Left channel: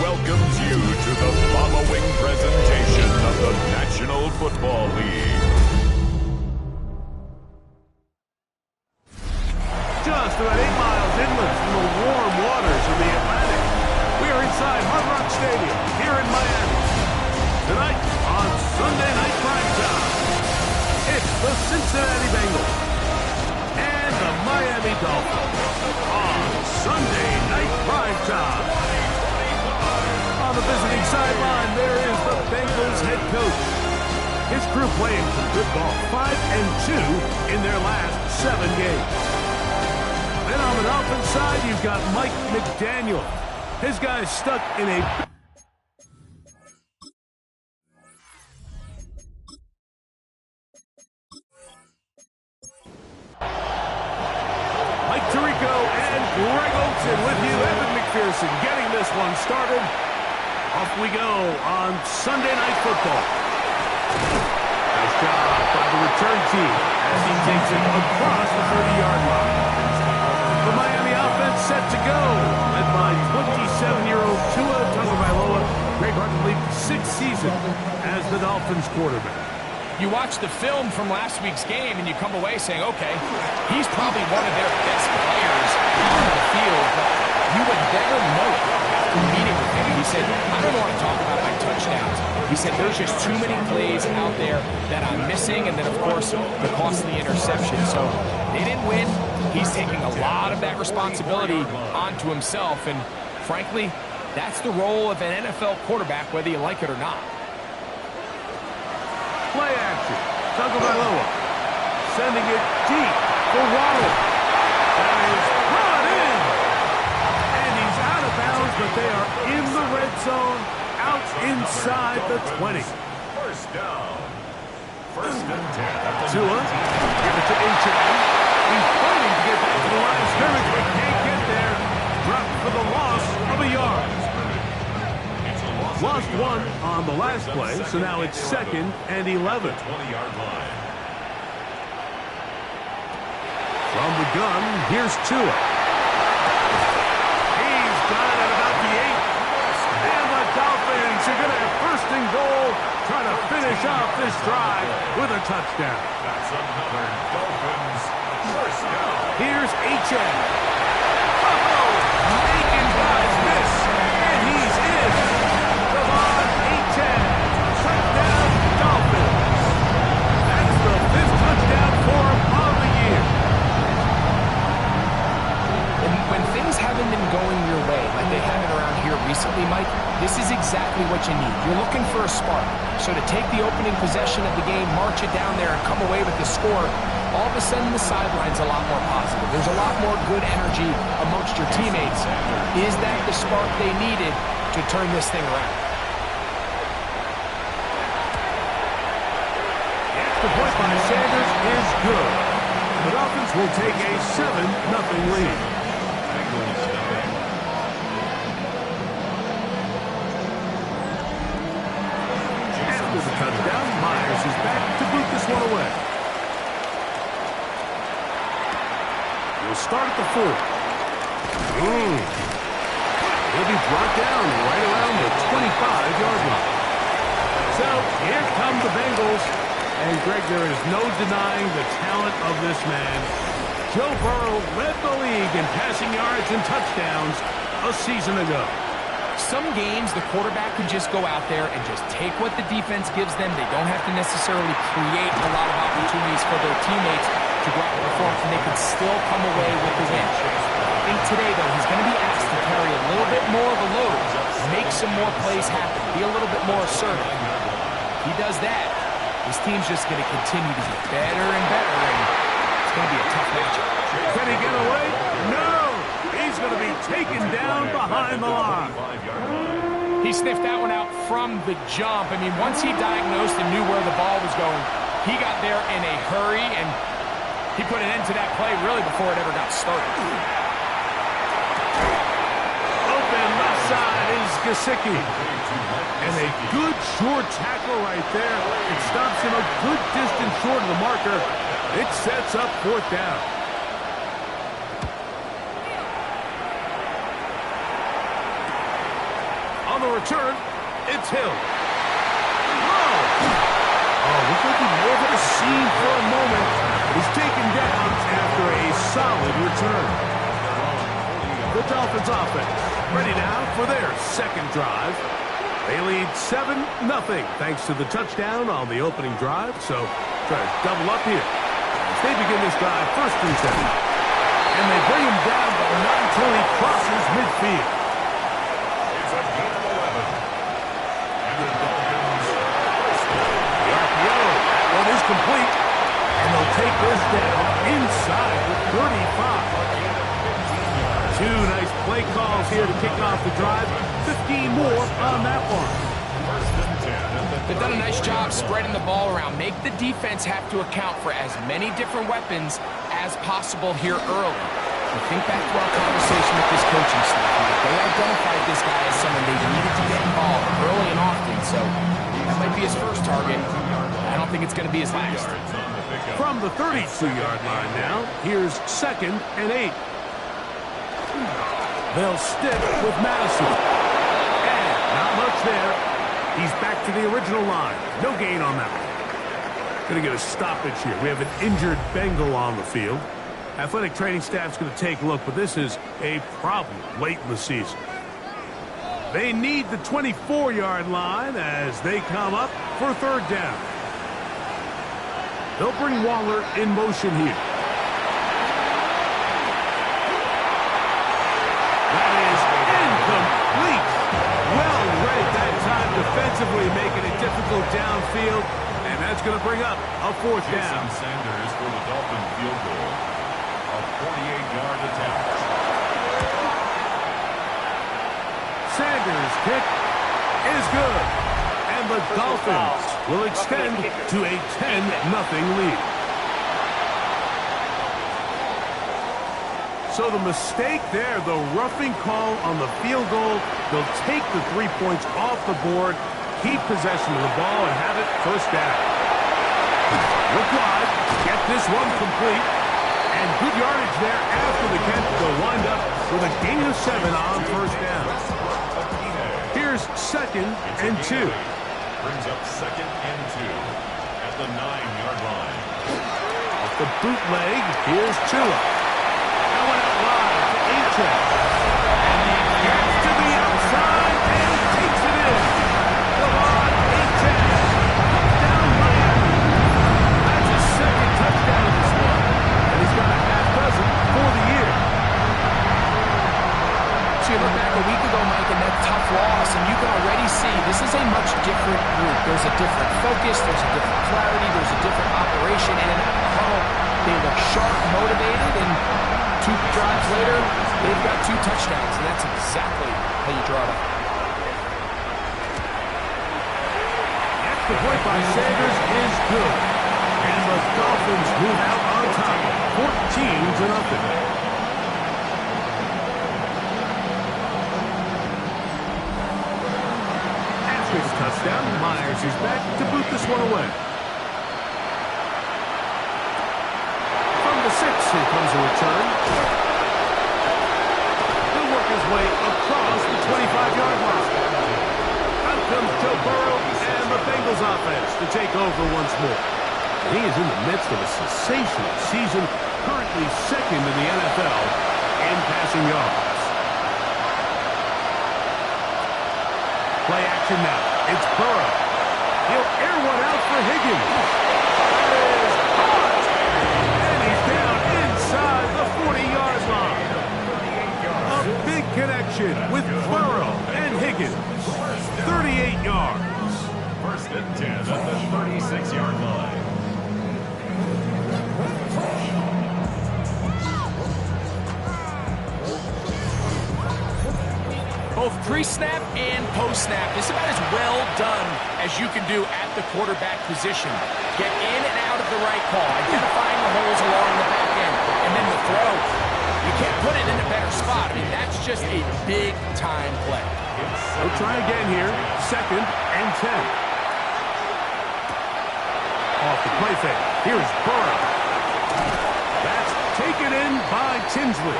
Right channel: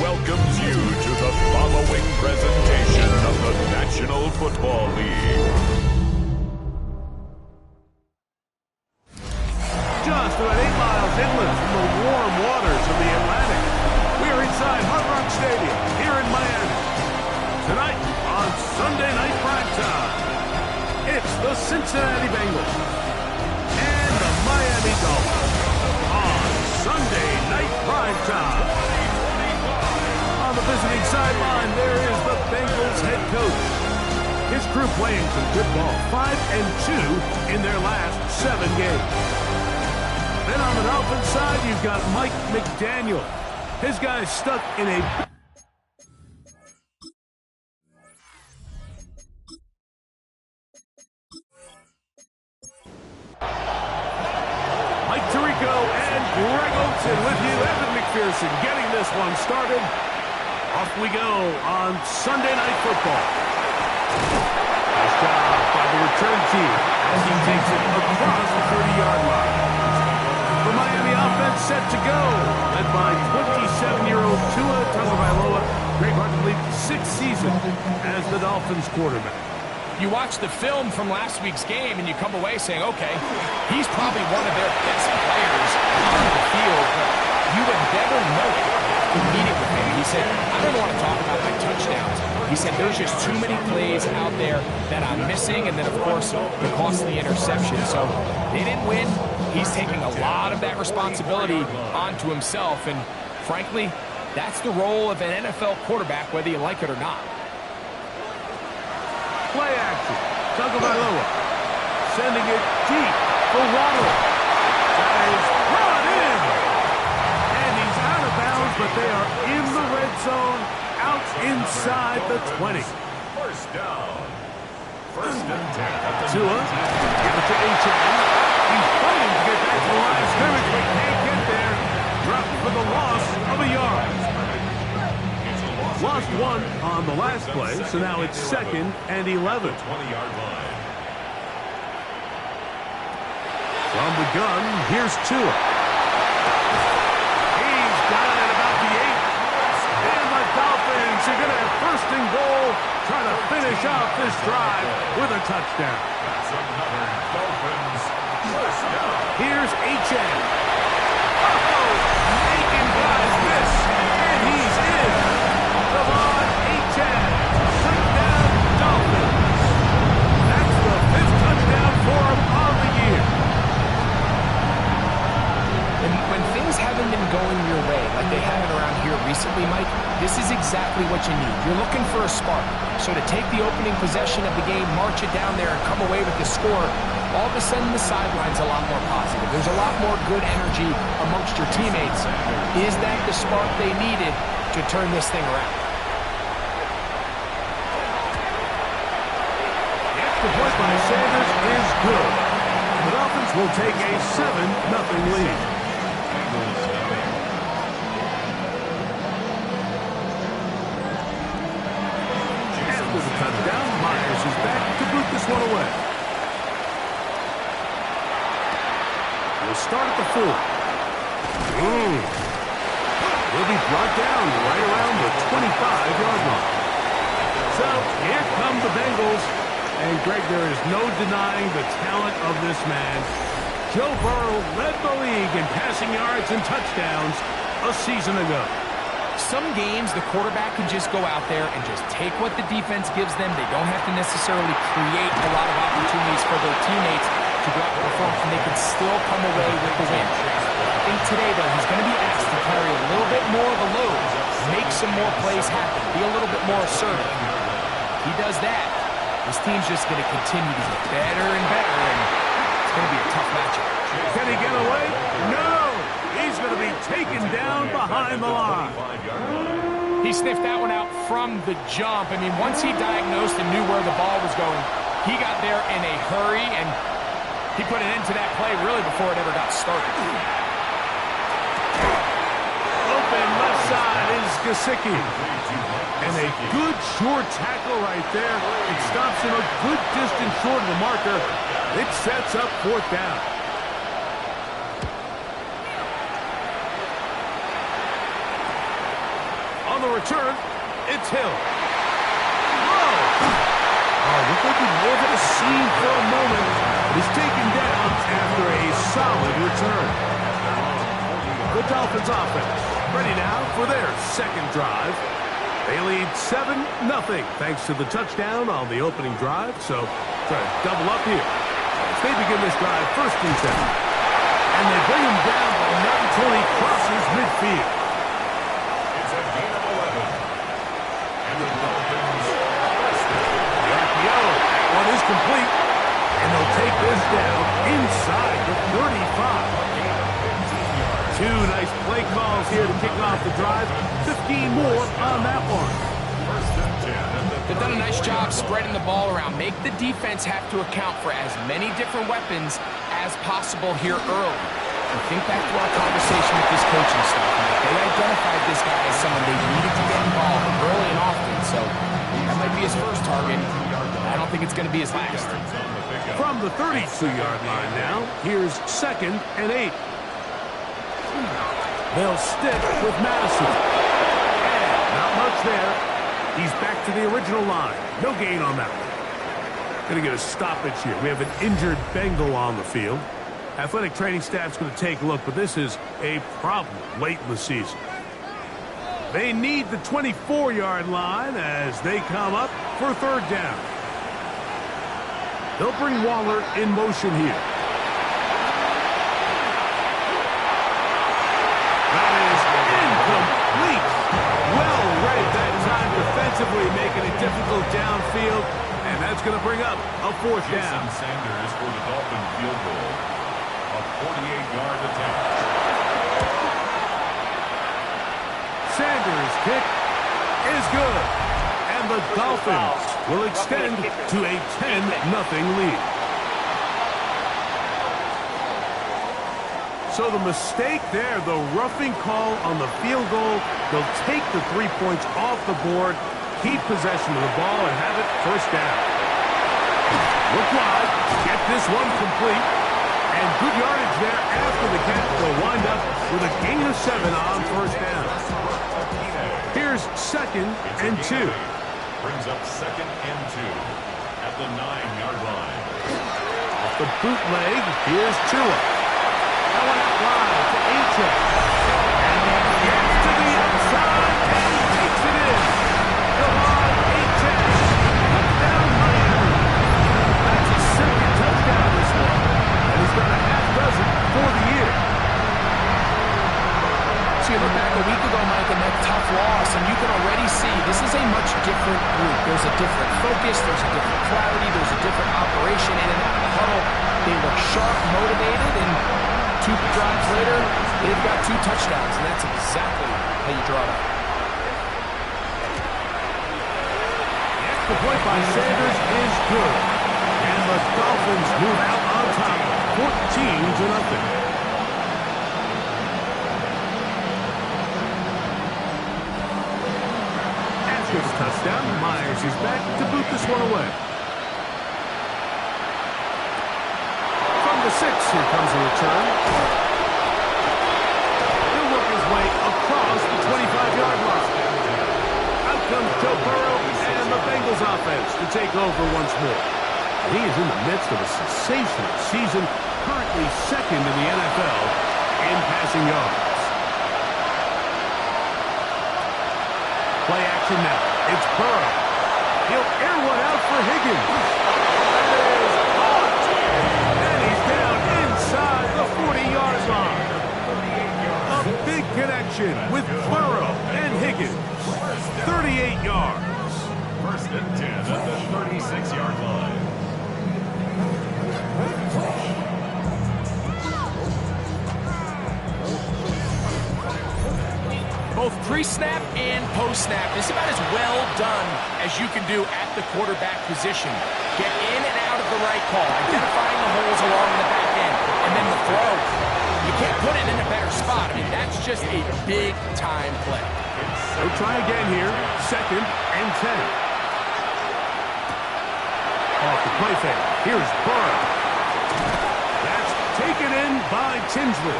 Welcomes you to the following presentation of the National Football League. Just about 8 miles inland from the warm waters of the Atlantic, we are inside Hard Rock Stadium here in Miami. Tonight on Sunday Night Primetime, it's the Cincinnati Bengals and the Miami Dolphins on Sunday Night Primetime. On the visiting sideline, there is the Bengals head coach. His crew playing some good ball, 5-2 in their last 7 games. Then on the Dolphins side, you've got Mike McDaniel. His guys stuck in a... Mike Tirico and Greg Olsen with you. Evan McPherson getting this one started. Off we go on Sunday Night Football. Nice job by the return team as he takes it across the 30-yard line. The Miami offense set to go, led by 27-year-old Tua Tagovailoa. Greg Harden leads the 6th season as the Dolphins quarterback. You watch the film from last week's game and you come away saying, okay, he's probably one of their best players on the field, but you would never know it after meeting with him. He said, I don't want to talk about my touchdowns. He said, there's just too many plays out there that I'm missing, and then, of course, the costly interception. So they didn't win. He's taking a lot of that responsibility onto himself, and frankly, that's the role of an NFL quarterback, whether you like it or not. Play action. Tagovailoa sending it deep for Waddle. That is brought in. And he's out of bounds, but they are in the red zone, out inside the 20. First down. First and 10. Tua, give it to H.M. He's fighting to get back to the line of scrimmage, but can't get there. Dropped for the loss of a yard. Lost one on the last play, so now it's 2nd and 11. 20-yard line. From the gun, here's Tua. He's got it about the 8. And the Dolphins are going to have 1st and goal, trying to finish off this drive with a touchdown. That's another Dolphins first down. Here's H.M. Oh, making guys miss, and he's in. Touchdown, Dolphins. That's the 5th touchdown for him on the year. And when things haven't been going your way, like they haven't around here recently, Mike, this is exactly what you need. You're looking for a spark. So to take the opening possession of the game, march it down there, and come away with the score, all of a sudden the sideline's a lot more positive. There's a lot more good energy amongst your teammates. Is that the spark they needed to turn this thing around? The point by Sanders is good. The Dolphins will take a 7-0 lead. After the touchdown, Myers is back to boot this one away. We'll start at the 4. He'll be brought down right around the 25-yard line. So here come the Bengals. And, Greg, there is no denying the talent of this man. Joe Burrow led the league in passing yards and touchdowns a season ago. Some games, the quarterback can just go out there and just take what the defense gives them. They don't have to necessarily create a lot of opportunities for their teammates to go out and perform, and they can still come away with the win. I think today, though, he's going to be asked to carry a little bit more of a load, make some more plays happen, be a little bit more assertive. He does that. This team's just going to continue to get better and better, and it's going to be a tough matchup. Can he get away? No! He's going to be taken down behind the line. He sniffed that one out from the jump. I mean, once he diagnosed and knew where the ball was going, he got there in a hurry, and he put an end to that play really before it ever got started. Open left side is Gesicki. And a good short tackle right there. It stops him a good distance short of the marker. It sets up fourth down. On the return, it's Hill. Whoa! Oh, looked like he may have hit a seam for a moment, but he's taken down after a solid return. The Dolphins offense ready now for their second drive. They lead 7-0 thanks to the touchdown on the opening drive, so try to double up here as they begin this drive first and 10. And they bring him down, but not until he crosses midfield. It's a gain of 11. And the Dolphins The RPO, that one is complete. And they'll take this down inside the 35. Two nice play calls here to kick off the drive. 15 more on that one. first and 10. They've done a nice job spreading the ball around. Make the defense have to account for as many different weapons as possible here early. And think back to our conversation with this coaching staff, Mike. They identified this guy as someone they needed to get involved early and often, so that might be his first target. I don't think it's going to be his last. From the 32-yard line now, here's 2nd and 8. They'll stick with Madison. And not much there. He's back to the original line. No gain on that one. Going to get a stoppage here. We have an injured Bengal on the field. Athletic training staff's going to take a look, but this is a problem late in the season. They need the 24-yard line as they come up for third down. They'll bring Waller in motion here. That is incomplete. Well read that time defensively, making it difficult downfield, and that's going to bring up a fourth down. Jason Sanders for the Dolphin field goal. A 48-yard attempt. Sanders' kick is good. And the Dolphins will extend to a 10-0 lead. So the mistake there, the roughing call on the field goal, they'll take the 3 points off the board, keep possession of the ball, and have it first down. Look wide, get this one complete, and good yardage there after the catch. They'll wind up with a gain of 7 on first down. Here's 2nd and 2. Brings up 2nd and 2 at the 9-yard line. Off the bootleg, here's Tua. That one out wide to Achek. And he gets to the outside and takes it in. Come on, Achek. Touchdown, Miami. That's his second touchdown of this one. And he's got a half dozen for the year. So you look back a week ago, Mike, and that tough loss, and you can already see this is a much different group. There's a different focus, there's a different clarity, there's a different operation in and out of the huddle. They look sharp, motivated, and 2 drives later, they've got 2 touchdowns, and that's exactly how you draw it up. The point by Sanders is good. And the Dolphins move out on top, 14-0. After the touchdown, Myers is back to boot this one away. From the 6, here comes a return. He'll work his way across the 25-yard line. Out comes Joe Burrow and the Bengals offense to take over once more. And he is in the midst of a sensational season, currently 2nd in the NFL in passing yards. Play action now. It's Burrow. He'll air one out for Higgins. That is caught. And he's down inside the 40-yard line. A big connection with Burrow and Higgins. 38 yards. First and 10 at the 36-yard line. Both pre-snap and post-snap, this is about as well done as you can do at the quarterback position. Get in and out of the right call, identifying the holes along the back end, and then the throw. You can't put it in a better spot. I mean, that's just a big-time play. They'll try again here. 2nd and 10. Off the play fake. Here's Burrow. That's taken in by Tinsley.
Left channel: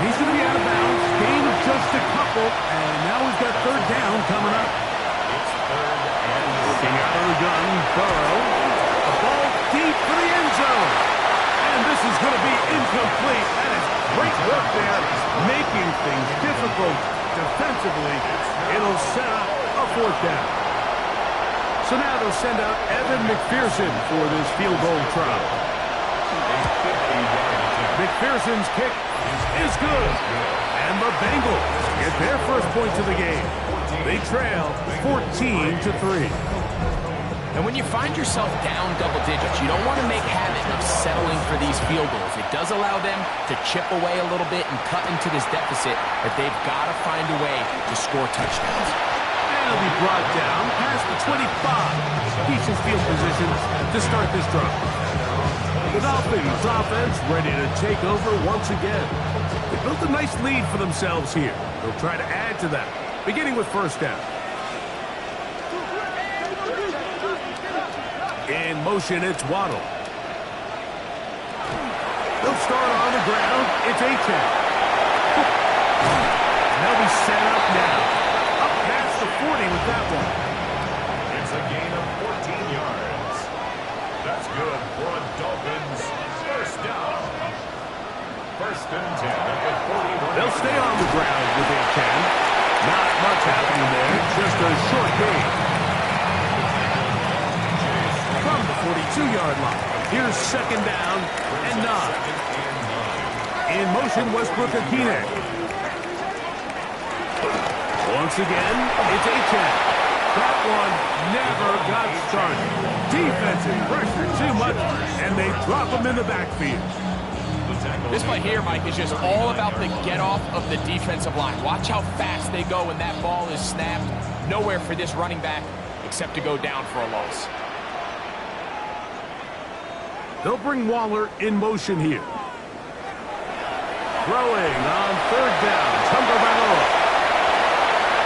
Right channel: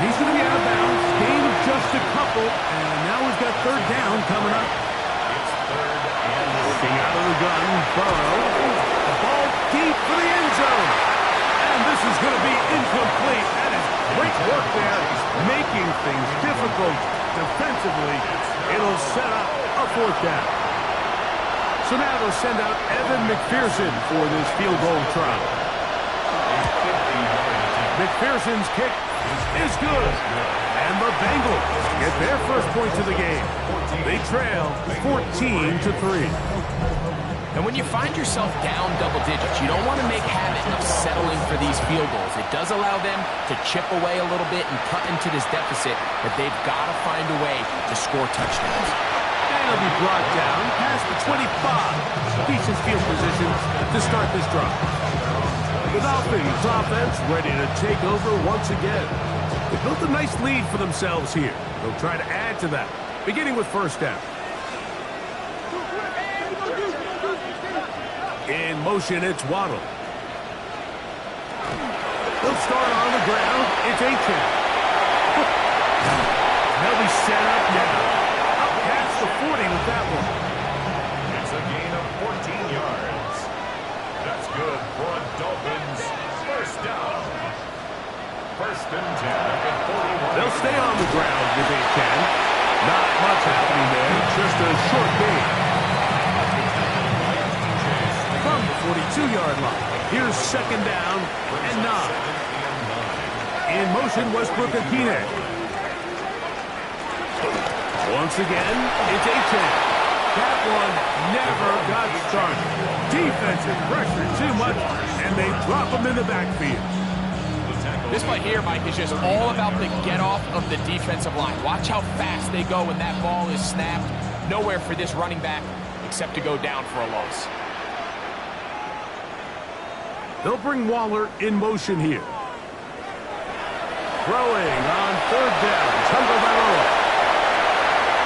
He's going to be out of bounds. Gain of just a couple. And now we've got 3rd down coming up. It's 3rd and Looking out of the gun, Burrow. A ball deep for the end zone. And this is going to be incomplete. That is great work there, making things difficult defensively. It'll set up a 4th down. So now they'll send out Evan McPherson for this field goal try. McPherson's kick is good. And the Bengals get their first points of the game. They trail 14-3. And when you find yourself down double digits, you don't want to make habit of settling for these field goals. It does allow them to chip away a little bit and cut into this deficit, but they've got to find a way to score touchdowns. And he'll be brought down past the 25. Decent field position to start this drive. The Dolphins offense ready to take over once again. They built a nice lead for themselves here. They'll try to add to that, beginning with 1st down. In motion, it's Waddle. They'll start on the ground. It's A-10. They'll be set up now. Up past the 40 with that one. It's a gain of 14 yards. That's good for a Dolphins 1st down. 1st and 10 at the 41. They'll stay on the ground with A-10. Not much happening there. Just a short gain. From the 42-yard line. Here's 2nd down and 9. In motion, Westbrook Akine. Once again, it's A-10. That one never got started. Defensive pressure too much, and they drop him in the backfield. This play here, Mike, is just all about the get-off of the defensive line. Watch how fast they go when that ball is snapped. Nowhere for this running back except to go down for a loss. They'll bring Waller in motion here. Throwing on 3rd down. Tagovailoa.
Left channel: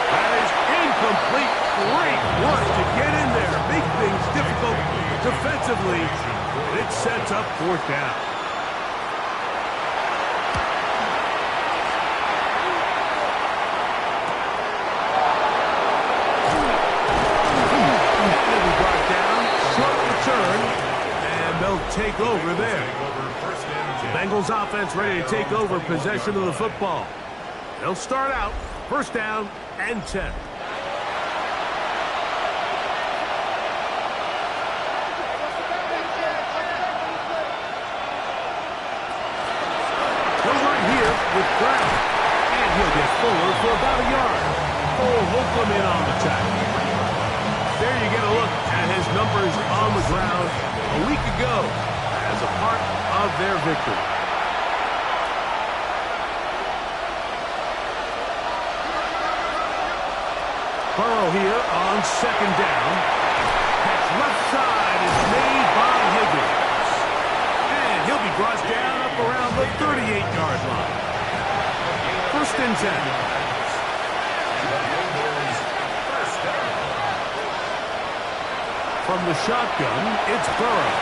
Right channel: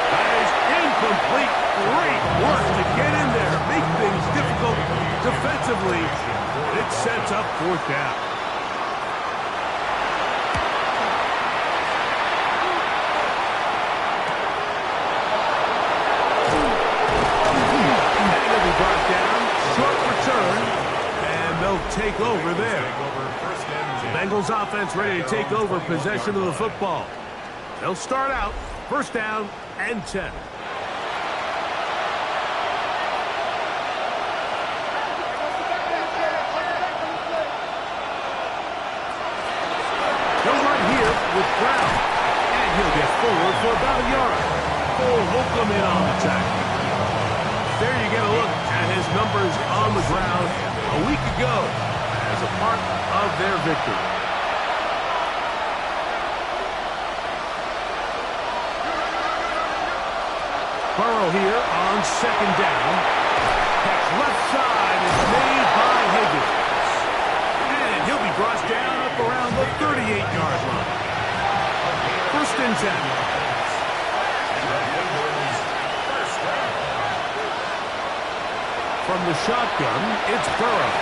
That is incomplete. Great work to get in there. Make things difficult defensively. It sets up 4th down. And he'll be brought down. Short return. They'll take over there. Bengals offense ready to take over possession of the football. They'll start out 1st down and 10. They'll run here with Brown. And he'll get forward for about a yard. Cole Holcomb in on the tackle. There you get a look at his numbers on the ground a week ago as a part of their victory. Burrow here on 2nd down. Catch left side is made by Higgins. And he'll be brought down up around the 38-yard line. 1st and 10. From the shotgun, it's Burrow.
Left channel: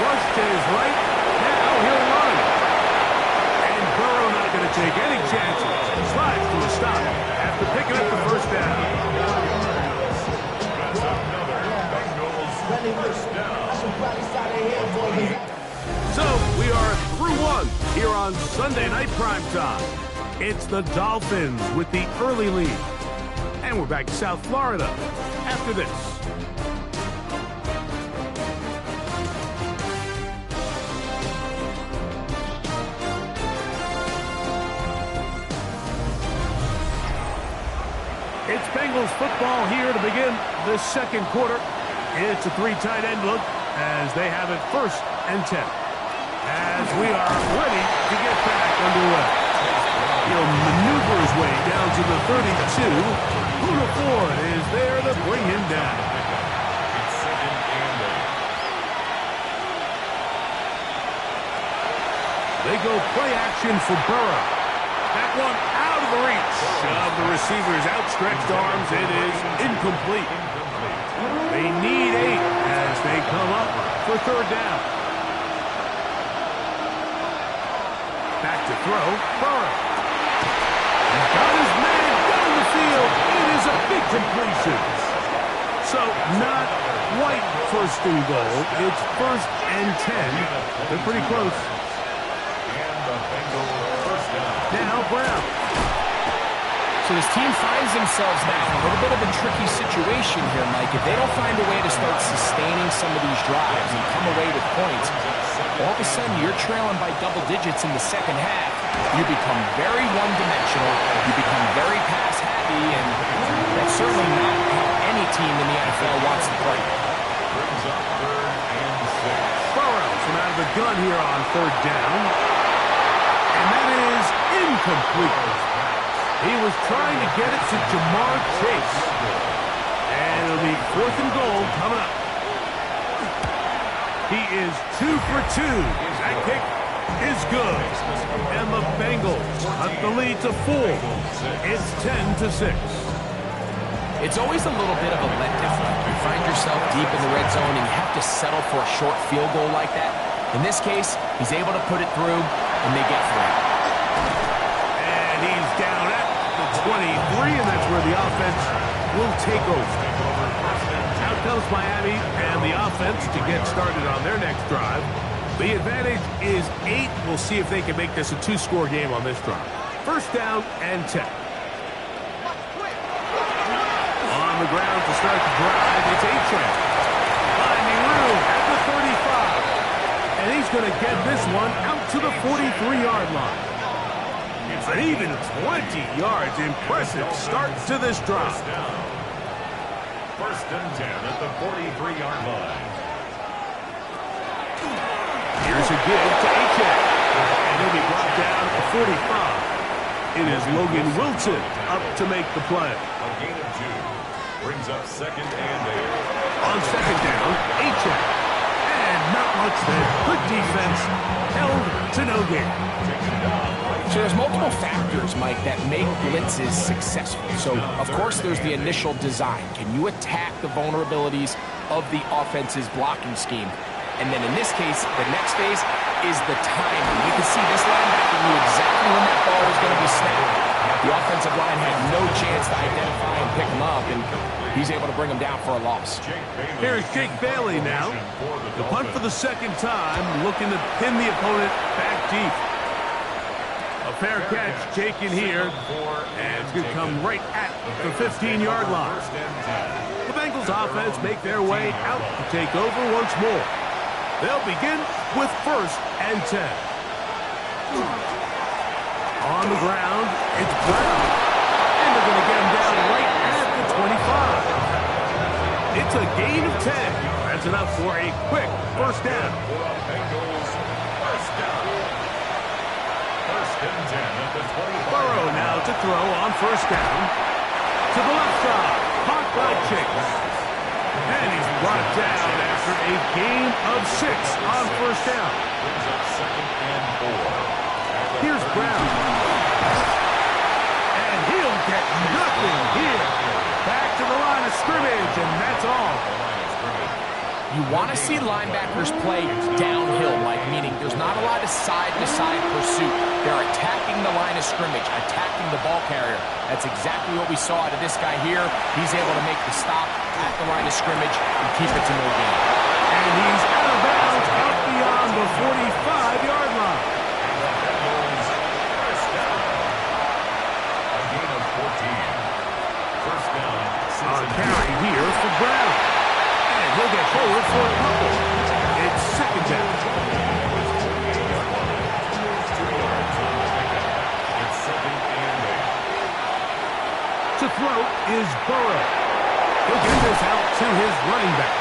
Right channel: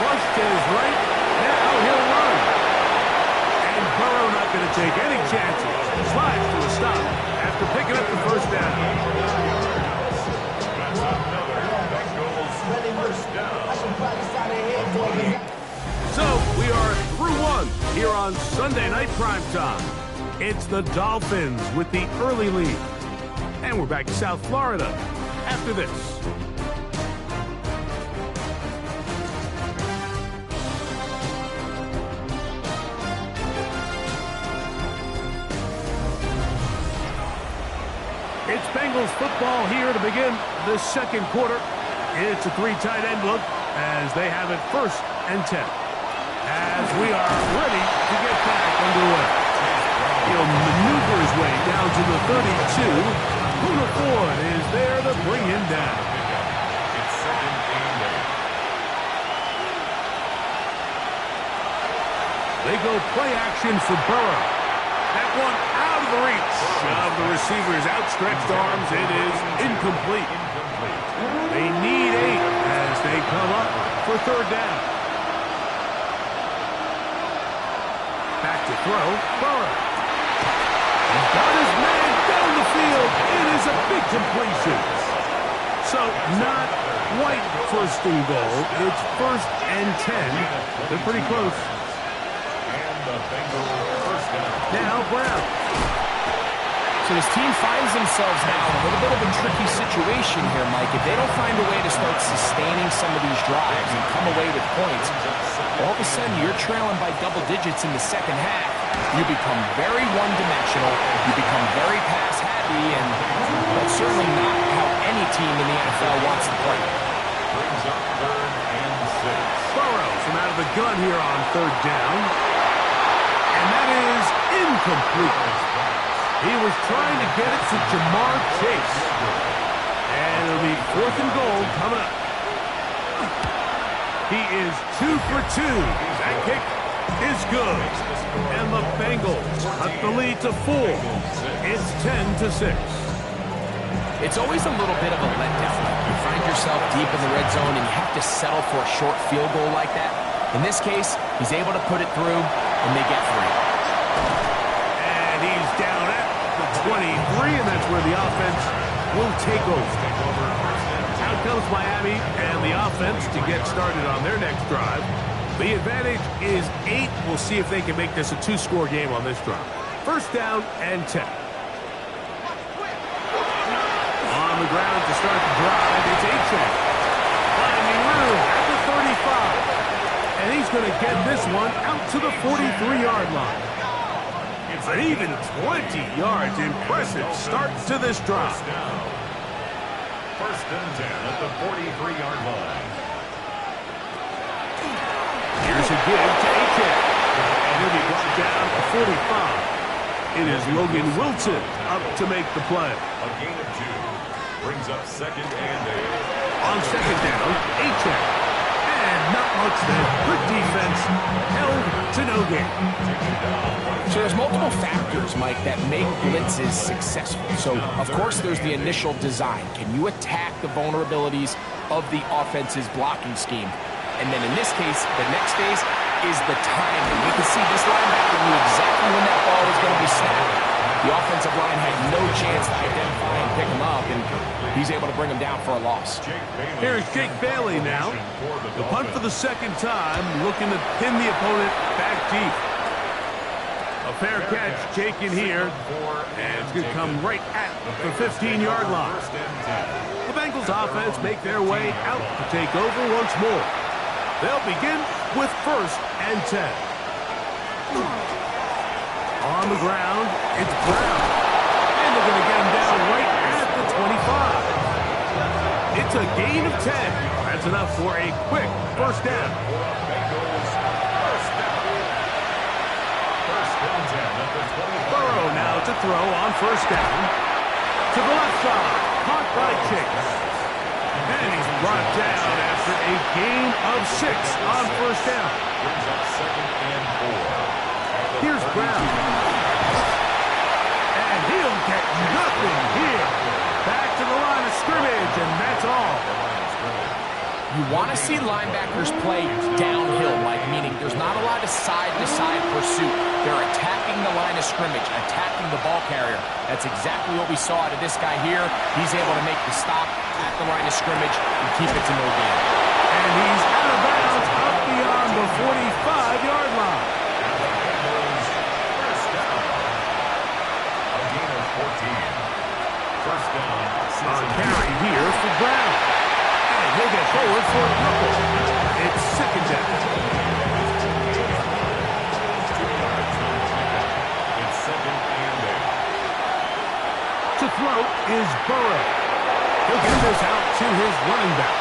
Flush to his right. Now he'll run. And Burrow not going to take any chances. Slides to a stop after picking up the 1st down. That's another Bengals 1st down. So we are through one here on Sunday Night Primetime. It's the Dolphins with the early lead. And we're back to South Florida after this. It's Bengals football here to begin the 2nd quarter. It's a 3 tight end look as they have it 1st and 10. As we are ready to get back underway. He'll maneuver his way down to the 32. Poona Ford is there to bring him down. It's 2nd and 8. They go play action for Burrow. That one out of the reach of the receiver's outstretched arms. It is incomplete. They need 8 as they come up for third down. Back to throw, Burrow. He's got his man down the field. It is a big completion. So not quite first and goal. It's first and 10. They're pretty close. And the Bengals first down. Now Brown. So this team finds themselves now in a little bit of a tricky situation here, Mike. If they don't find a way to start sustaining some of these drives and come away with points, all of a sudden you're trailing by double digits in the second half. You become very one-dimensional. You become very pass-happy, and that's certainly not how any team in the NFL wants to play. Brings up 3rd and 6. Burrow from out of the gun here on third down. And that is incomplete. He was trying to get it to Jamar Chase. And it'll be 4th and goal coming up. He is 2 for 2. That kick is good. And the Bengals cut the lead to 4. It's 10-6. It's always a little bit of a letdown. You find yourself deep in the red zone and you have to settle for a short field goal like that. In this case, he's able to put it through, and they get 3. And he's down at the 23, and that's where the offense will take over. Out comes Miami and the offense to get started on their next drive. The advantage is 8. We'll see if they can make this a 2-score game on this drive. First down and 10. On the ground to start the drive, it's Achane. Finding room at the 35. And he's going to get this one out to the 43-yard line. An even 20 yards. Impressive start to this drive. First and 10 at the 43-yard line. Here's a give to Achane. And he'll be brought down at 45. It is Logan Wilson up to make the play. A gain of 2. Brings up 2nd and 8. On second down, Achane. And not much there. Good defense. Held to no gain. So there's multiple factors, Mike, that make blitzes successful. So, of course, there's the initial design. Can you attack the vulnerabilities of the offense's blocking scheme? And then in this case, the next phase is the timing. You can see this linebacker knew exactly when that ball was going to be snapped. The offensive line had no chance to identify and pick him up, and he's able to bring him down for a loss. Here's Jake Bailey now. The punt for the second time, looking to pin the opponent back deep. A fair catch taken here, and it's going to come right at the 15-yard line. The Bengals offense make their way out to take over once more. They'll begin with 1st and 10. On the ground, it's Brown. And they're going to get him down right at the 25. It's a gain of 10. That's enough for a quick first down. Bengals first down. First and 10 at the 25. Burrow now to throw on first down. To the left side. Caught by Chase. And he's brought down after a gain of 6 on first down. Brings up 2nd and 4. Here's Brown. And he'll get nothing here. Back to the line of scrimmage, and that's all. You want to see linebackers play downhill, Mike, meaning there's not a lot of side-to-side pursuit. They're attacking the line of scrimmage, attacking the ball carrier. That's exactly what we saw out of this guy here. He's able to make the stop at the line of scrimmage and keep it to no gain. And he's out of bounds up beyond the 45-yard line. First down. A gain of 14. First down. A carry here for Brown. And he'll get forward for a couple. It's second down. 2 yards on the pickup. It's 2nd and 8. To throw is Burrow. He'll get this out to his running back.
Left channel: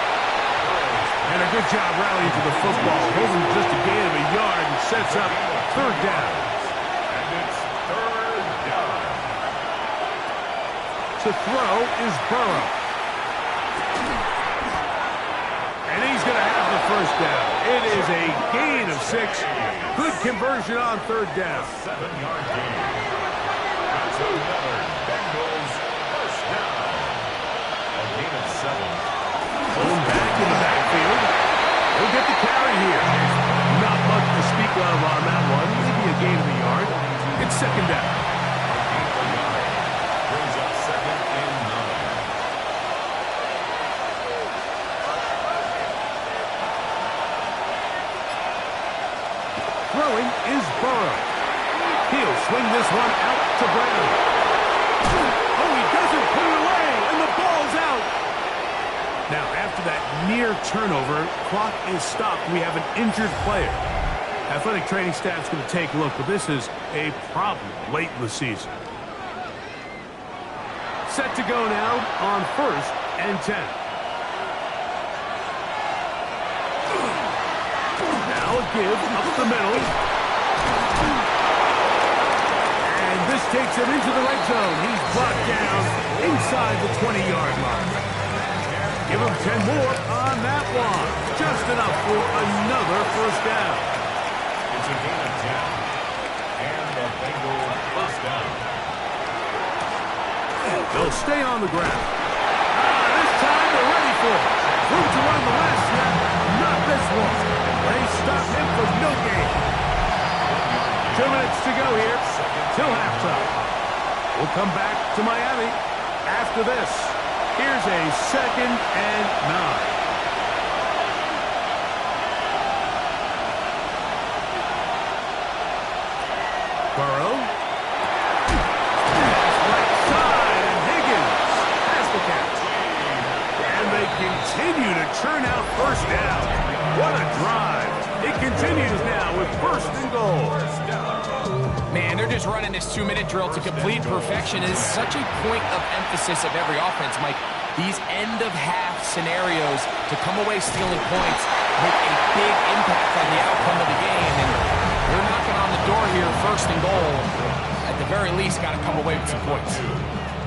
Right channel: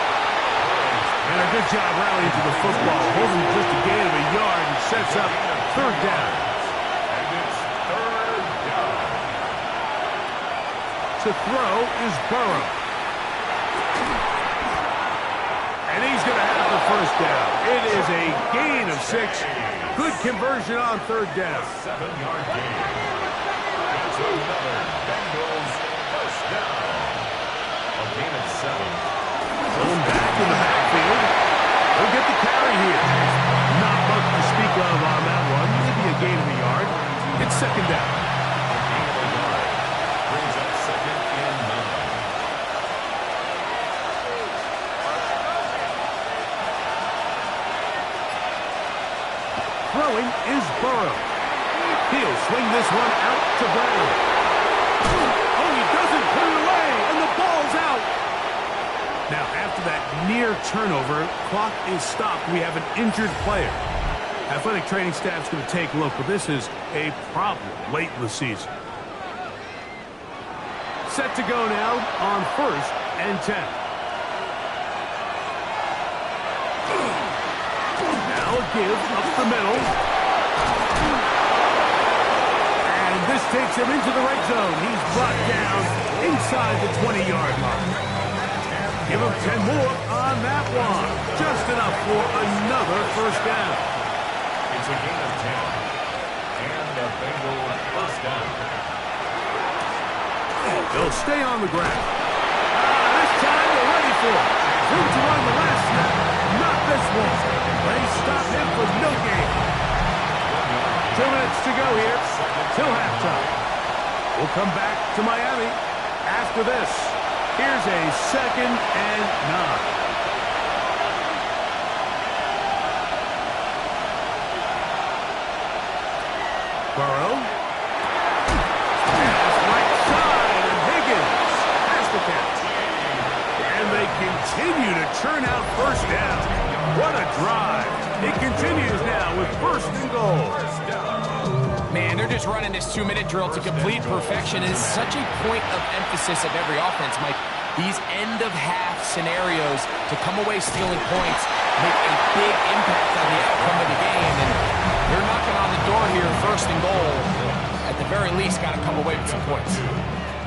And a good job rallying to the football. Holding just a gain of a yard and sets up third down. And it's 3rd down. To throw is Burrow. And he's going to have the first down. It is a gain of 6. Good conversion on third down. 7-yard gain. That's another Bengals first down. A gain of 7. Going back in the backfield. He'll get the carry here. Not much to speak of on that one. Maybe a gain of a yard. It's second down. A gain of a yard. Brings up 2nd and 9. Throwing is Burrow. He'll swing this one out to Brown. Oh, he doesn't put it away, and the ball's out. Now, after that near turnover, clock is stopped. We have an injured player. Athletic training staff's going to take a look, but this is a problem late in the season. Set to go now on 1st and 10. Now a give up the middle. And this takes him into the red zone. He's brought down inside the 20-yard line. Give him 10 more on that one. Just enough for another first down. It's a gain of 10. And a Bengal first down. They'll stay on the ground. This time they're ready for it. Room to run the last snap. Not this one. They stop him for no gain. 2 minutes to go here till halftime. We'll come back to Miami after this. Here's a 2nd and 9. Burrow. Pass right side, and Higgins has the catch. And they continue to churn out first down. What a drive. It continues now with 1st and goal. Man, they're just running this 2-minute drill to complete perfection. It is such a point of emphasis of every offense, Mike. These end-of-half scenarios to come away stealing points make a big impact on the outcome of the game. And you're knocking on the door here, 1st and goal. At the very least, got to come away with some points.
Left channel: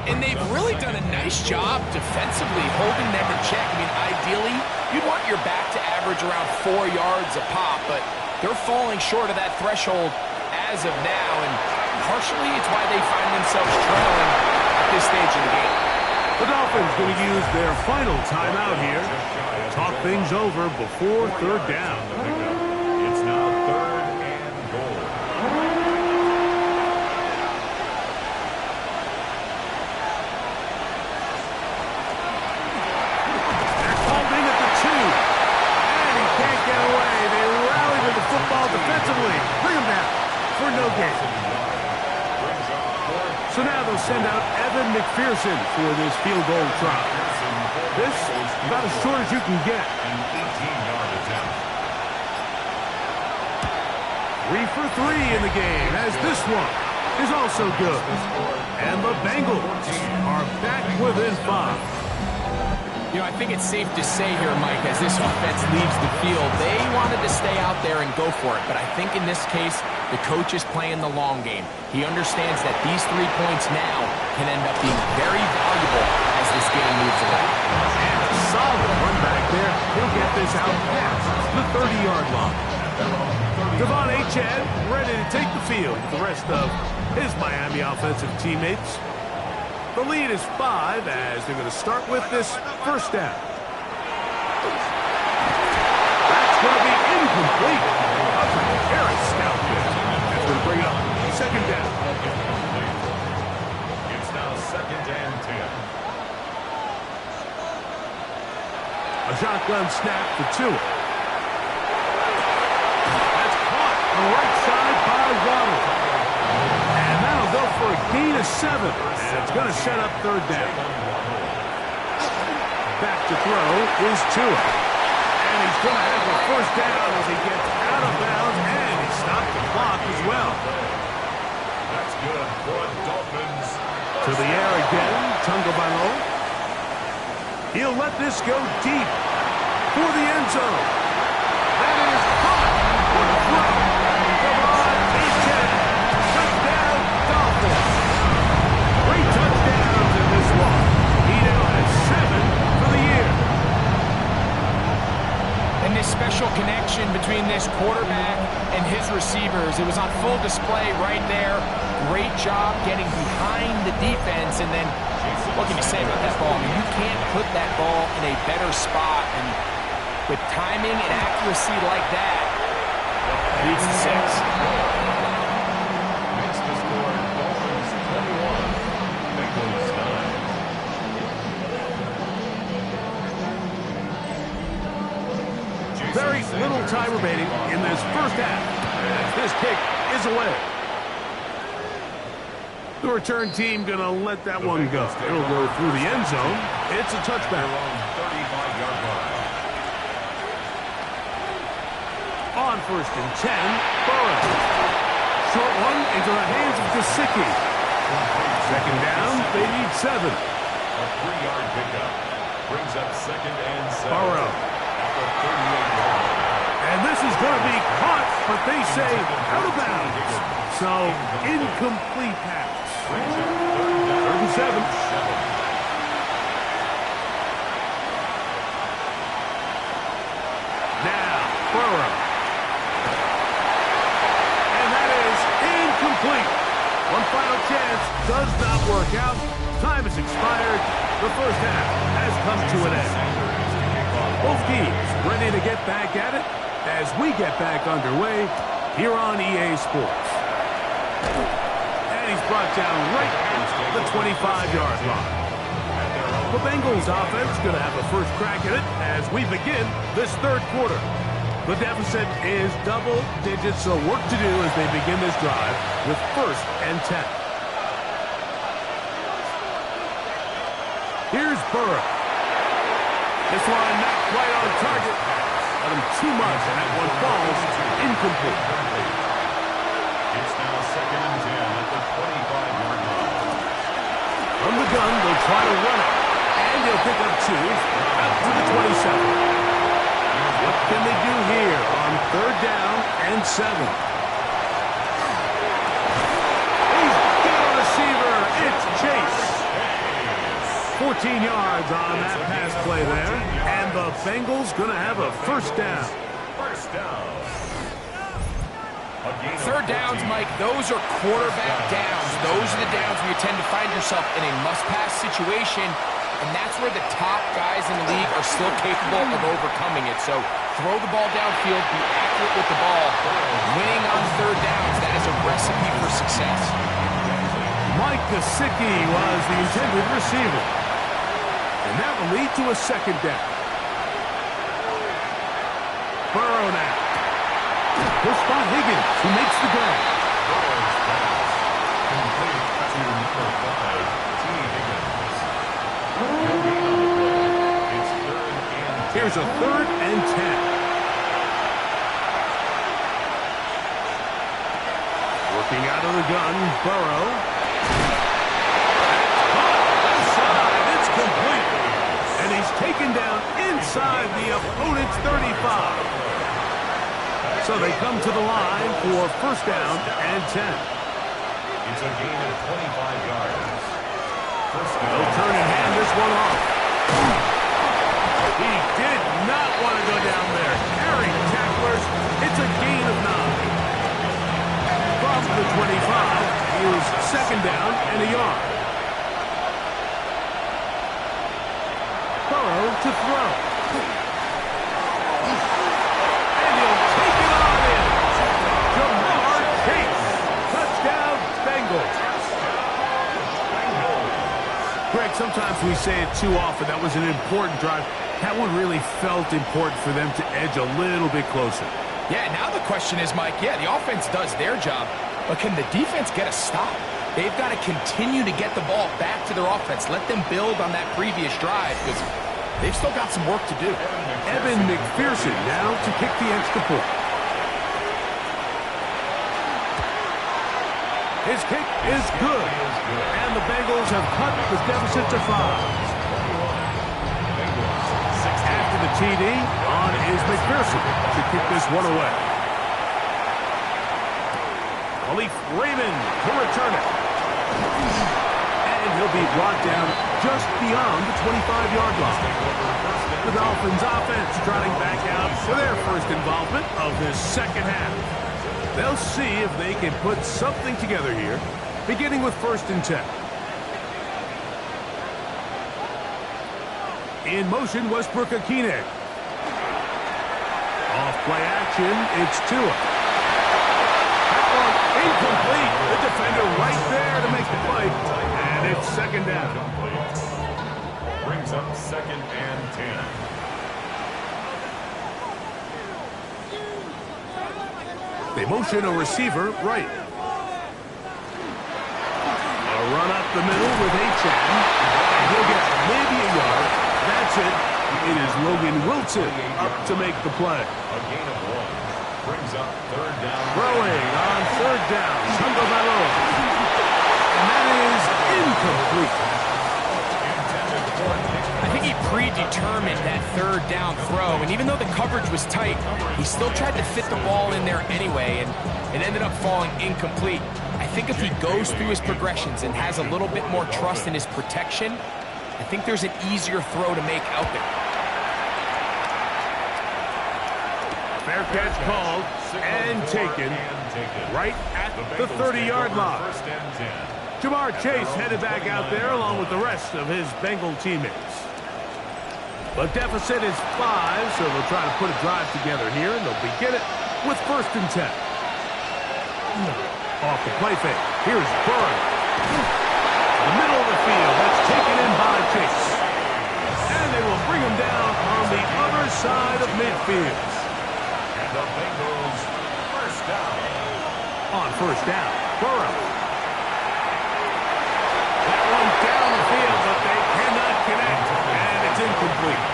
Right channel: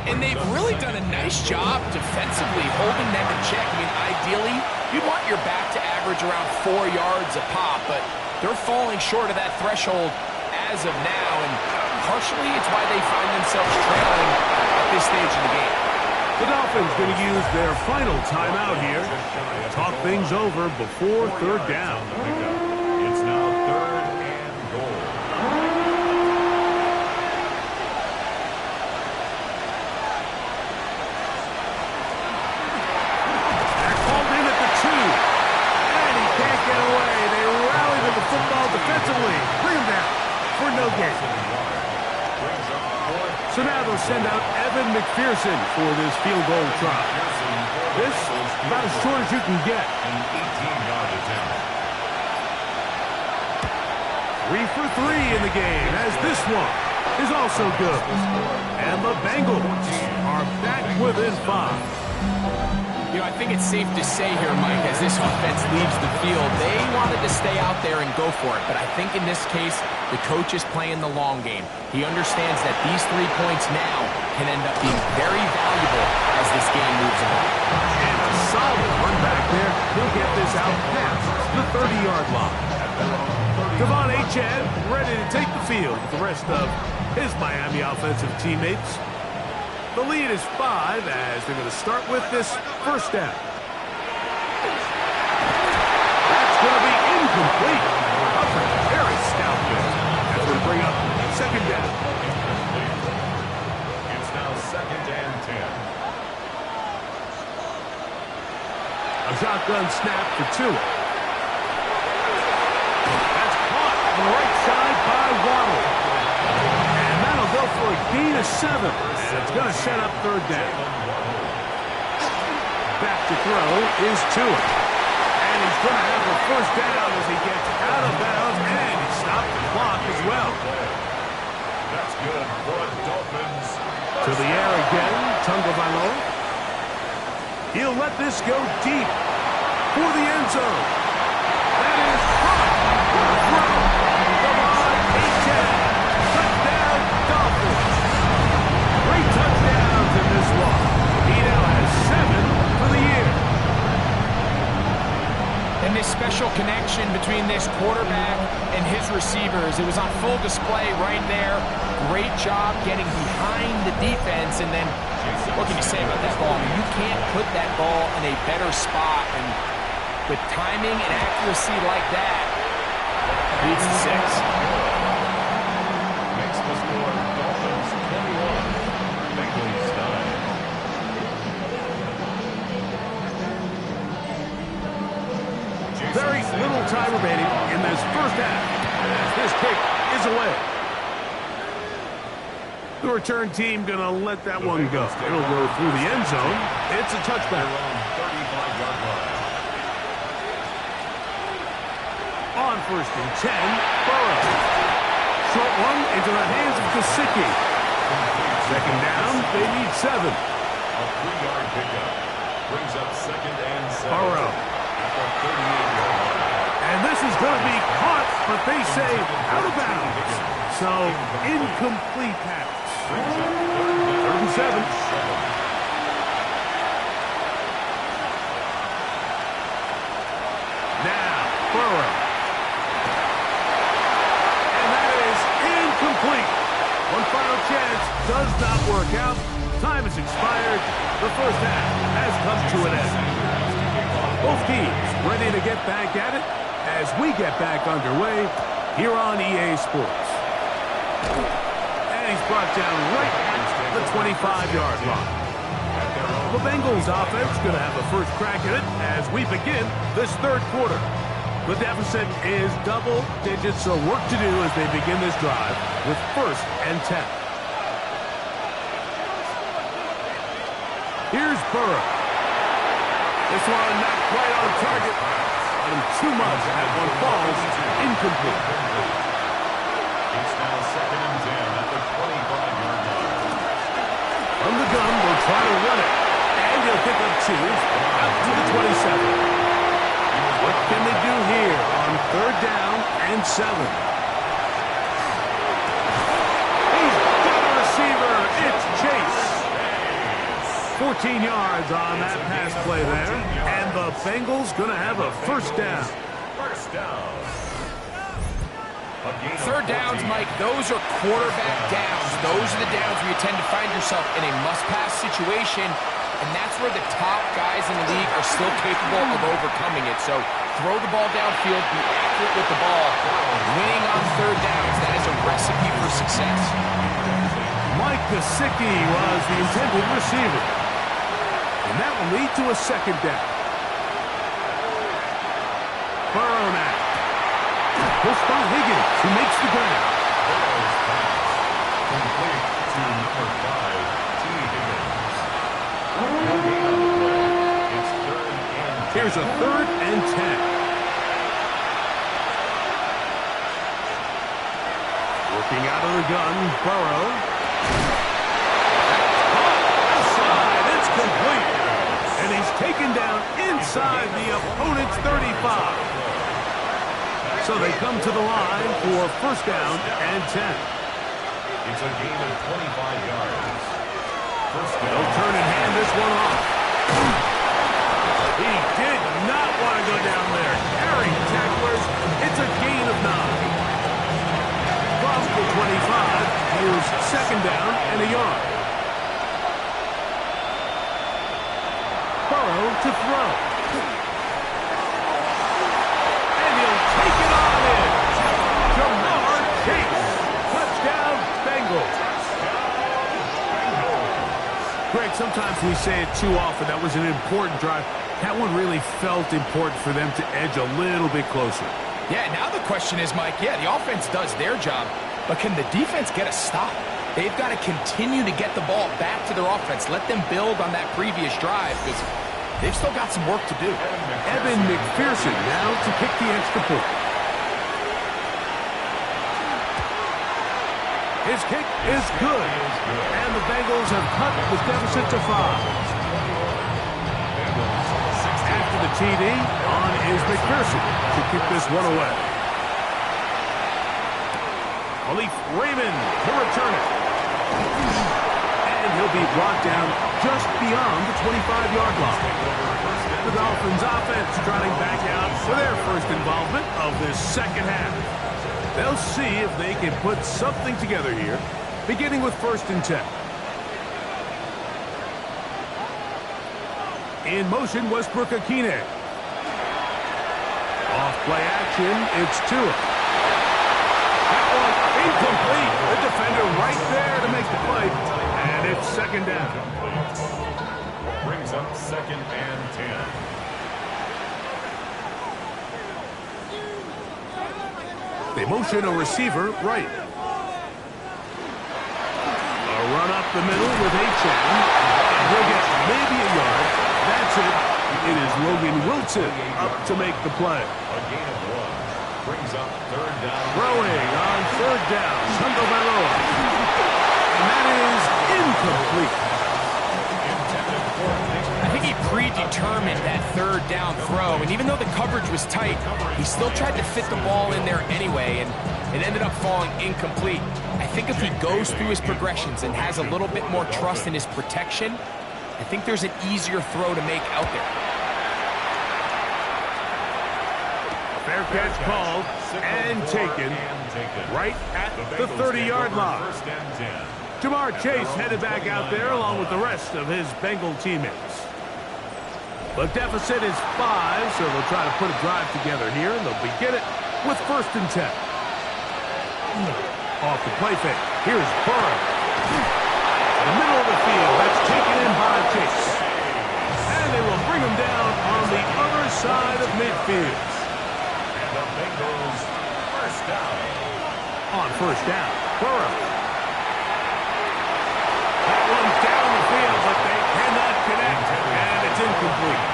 And they've really done a nice job defensively holding them in check. I mean, ideally, you'd want your back to average around 4 yards a pop, but they're falling short of that threshold as of now, and partially it's why they find themselves trailing at this stage of the game. The Dolphins going to use their final timeout here. Talk things over before third down. It's now 3rd and goal. They're called in at the 2. And he can't get away. They rally to the football defensively. Bring him down for no gain. So now they'll send out Evan McPherson for this field goal try. This about as short as you can get. An 18-yard attempt. 3 for 3 in the game, as this one is also good. And the Bengals are back within 5. You know, I think it's safe to say here, Mike, as this offense leaves the field, they wanted to stay out there and go for it. But I think in this case, the coach is playing the long game. He understands that these 3 points now can end up being very valuable as this game moves along. And a solid run back there. He'll get this out past the 30-yard line. Devon Achane ready to take the field with the rest of his Miami offensive teammates. The lead is 5 as they're going to start with this first down. That's going to be incomplete. Covering very stout there. That's going to bring up second down. It's now 2nd and 10. A shotgun snap for Tua. That's caught on the right side by Waddle. And that'll go for a gain of 7. And it's going to set up third down. Back to throw is Tua. And he's going to have a first down as he gets out of bounds. And he stopped the clock as well. That's good for Dolphins. To the air again, Tagovailoa. He'll let this go deep for the end zone. That is caught. What a throw. Devon Achane. Touchdown, Dolphins. 3 touchdowns in this one. He now has 7 for the year. And this special connection between this quarterback and his receivers, it was on full display right there. Great job getting behind the defense, and then what can you say about that ball? I mean, you can't put that ball in a better spot, and with timing and accuracy like that, beats the 6. Makes the score Dolphins 21, Bengals 9. Very little time remaining in this first half as this kick is away. The return team going to let that one go. It'll go through the end zone. It's a touchback. 35-yard line. On first and 10, Burrow. Short one into the hands of Gesicki. Second down, they need 7. A 3-yard pickup. Brings up second and 7. Burrow. At the 38-yard line. And this is going to be caught, but they say out of bounds. So, incomplete pass. Brings up third and 7. Now, Burrow. And that is incomplete. One final chance does not work out. Time has expired. The first half has come to an end. Both teams ready to get back at it as we get back underway here on EA Sports. And he's brought down right at the 25-yard line. The Bengals offense going to have a first crack at it as we begin this third quarter. The deficit is double digits, so work to do as they begin this drive with first and 10. Here's Burrow. This one not quite on target. Let him too much. That one falls incomplete. It's now second and 10 at the 25-yard line. From the gun, they'll try to run it. And he'll pick up 2 out to the 27. What can they do here on third down and 7? He's got a receiver. It's Chase. 14 yards on that pass play there. And the Bengals going to have a first down. First down. Third downs, Mike, those are quarterback downs. Those are the downs where you tend to find yourself in a must-pass situation, and that's where the top guys in the league are still capable of overcoming it. So throw the ball downfield, be accurate with the ball. Winning on third downs, that is a recipe for success. Mike Gesicki was the intended receiver. And that will lead to a second down. Burrow now. He'll spot Higgins, who makes the grab. Burrow's pass complete to number 5, T. Higgins. No gain on the play. It's third and 10. Here's a third and 10. Working out of the gun, Burrow. That's caught inside. It's complete. And he's taken down inside the opponent's 35. So they come to the line for first down and 10. It's a gain of 25 yards. First down. They'll turn and hand this one off. He did not want to go down there. Carrying tacklers. It's a gain of 9. From the 25, here's second down and a yard. Burrow to throw. And he'll take it on in. Jamar Chase. Touchdown, Bengals. Greg, sometimes we say it too often. That was an important drive. That one really felt important for them to edge a little bit closer. Yeah, now the question is, Mike, yeah, the offense does their job, but can the defense get a stop? They've got to continue to get the ball back to their offense. Let them build on that previous drive because they've still got some work to do. Evan McPherson now to kick the extra point. His kick is good. And the Bengals have cut the deficit to 5. After the TD, on is McPherson to kick this one away. Khalif Raymond to return it. And he'll be brought down just beyond the 25-yard line. The Dolphins offense trotting back out for their first involvement of this second half. They'll see if they can put something together here, beginning with 1st and 10. In motion, Westbrook-Akine. Off play action, it's Tua. That one incomplete. The defender right there to make the play. And it's 2nd down. Brings up 2nd and 10. They motion a receiver right. A run up the middle with Achane. And he'll get maybe a yard. That's it. It is Logan Wilson up to make the play. A gain of 1. Brings up 3rd down. Throwing on 3rd down. Tagovailoa. And that is incomplete. I think he predetermined that 3rd down throw, and even though the coverage was tight, he still tried to fit the ball in there anyway, and it ended up falling incomplete. I think if he goes through his progressions and has a little bit more trust in his protection, I think there's an easier throw to make out there. Fair catch called and taken right at the 30-yard line. 1st and 10. Jamar Chase headed back out there along with the rest of his Bengal teammates. The deficit is 5, so they'll try to put a drive together here, and they'll begin it with 1st and 10. Off the play fake. Here's Burrow. The middle of the field. That's taken in by Chase. And they will bring him down on the other side of midfield. And the Bengals 1st down. On 1st down, Burrow. That one down the field, but they cannot connect. And it's incomplete.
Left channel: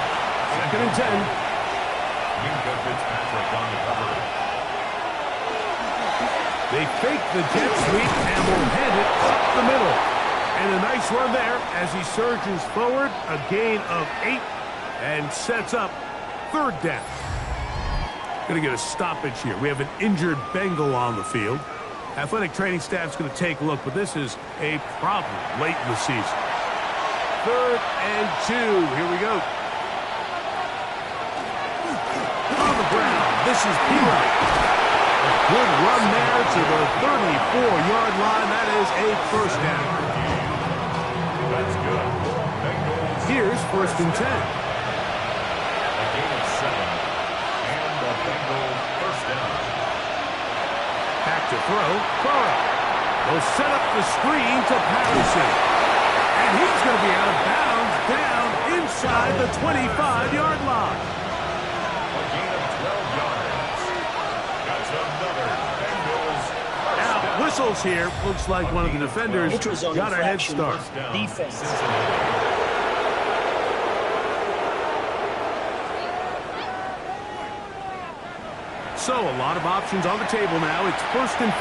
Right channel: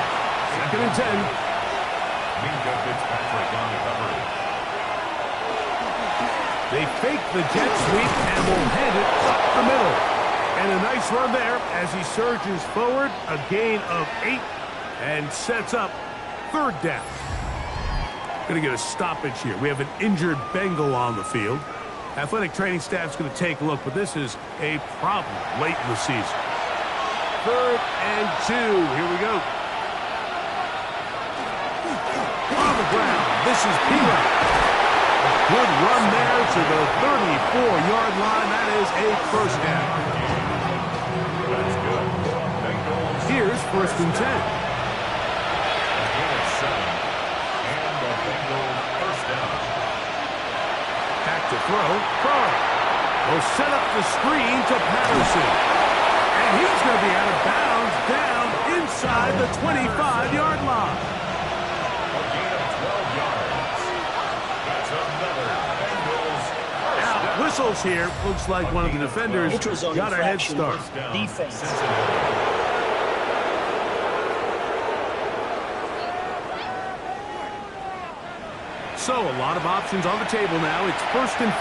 2nd and 10. Minka Fitzpatrick on the cover. They fake the jet sweep and will hand it up the middle. And a nice run there as he surges forward. A gain of 8 and sets up 3rd down. Going to get a stoppage here. We have an injured Bengal on the field. Athletic training staff's going to take a look, but this is a problem late in the season. 3rd and 2. Here we go. On the ground, this is P-Rock. A good run there to the 34-yard line. That is a 1st down. That's good. Bengals. Here's 1st and 10. A gain of 7. And the Bengals 1st down. Back to throw. Burrow will set up the screen to Patterson. And he's going to be out of bounds down inside the 25-yard line. A gain of 12 yards. That's another Bengals 1st Now, down. whistles here. Looks like one of the defenders got a head start. Defense. Cincinnati. So, a lot of options on the table now. It's 1st and 5.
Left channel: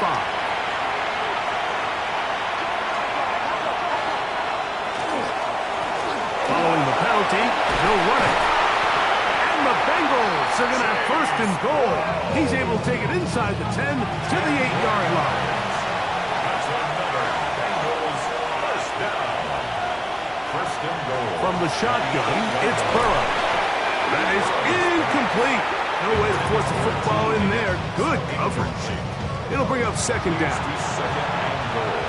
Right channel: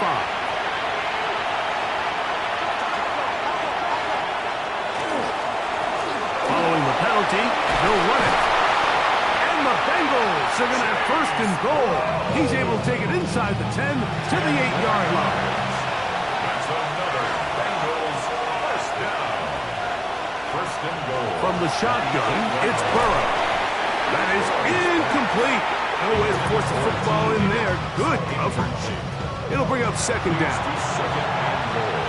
Following the penalty, he'll run it. And the Bengals are going to have 1st and goal. He's able to take it inside the 10 to the 8-yard line. That's another Bengals 1st down. 1st and goal. From the shotgun, it's Burrow. That is incomplete. No way to force the football in there. Good coverage. It'll bring up 2nd down. 2nd and goal.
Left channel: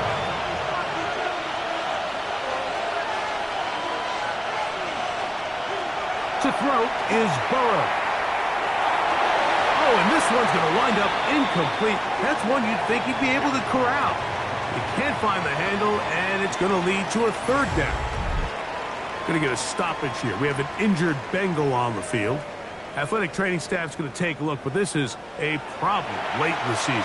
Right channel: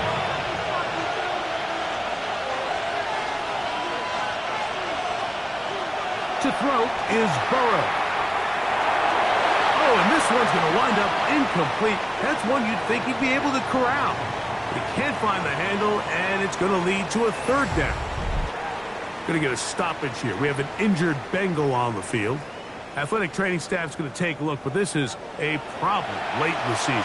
To throw is Burrow. Oh, and this one's going to wind up incomplete. That's one you'd think he'd be able to corral. He can't find the handle, and it's going to lead to a 3rd down. Going to get a stoppage here. We have an injured Bengal on the field. Athletic training staff's going to take a look, but this is a problem late in the season.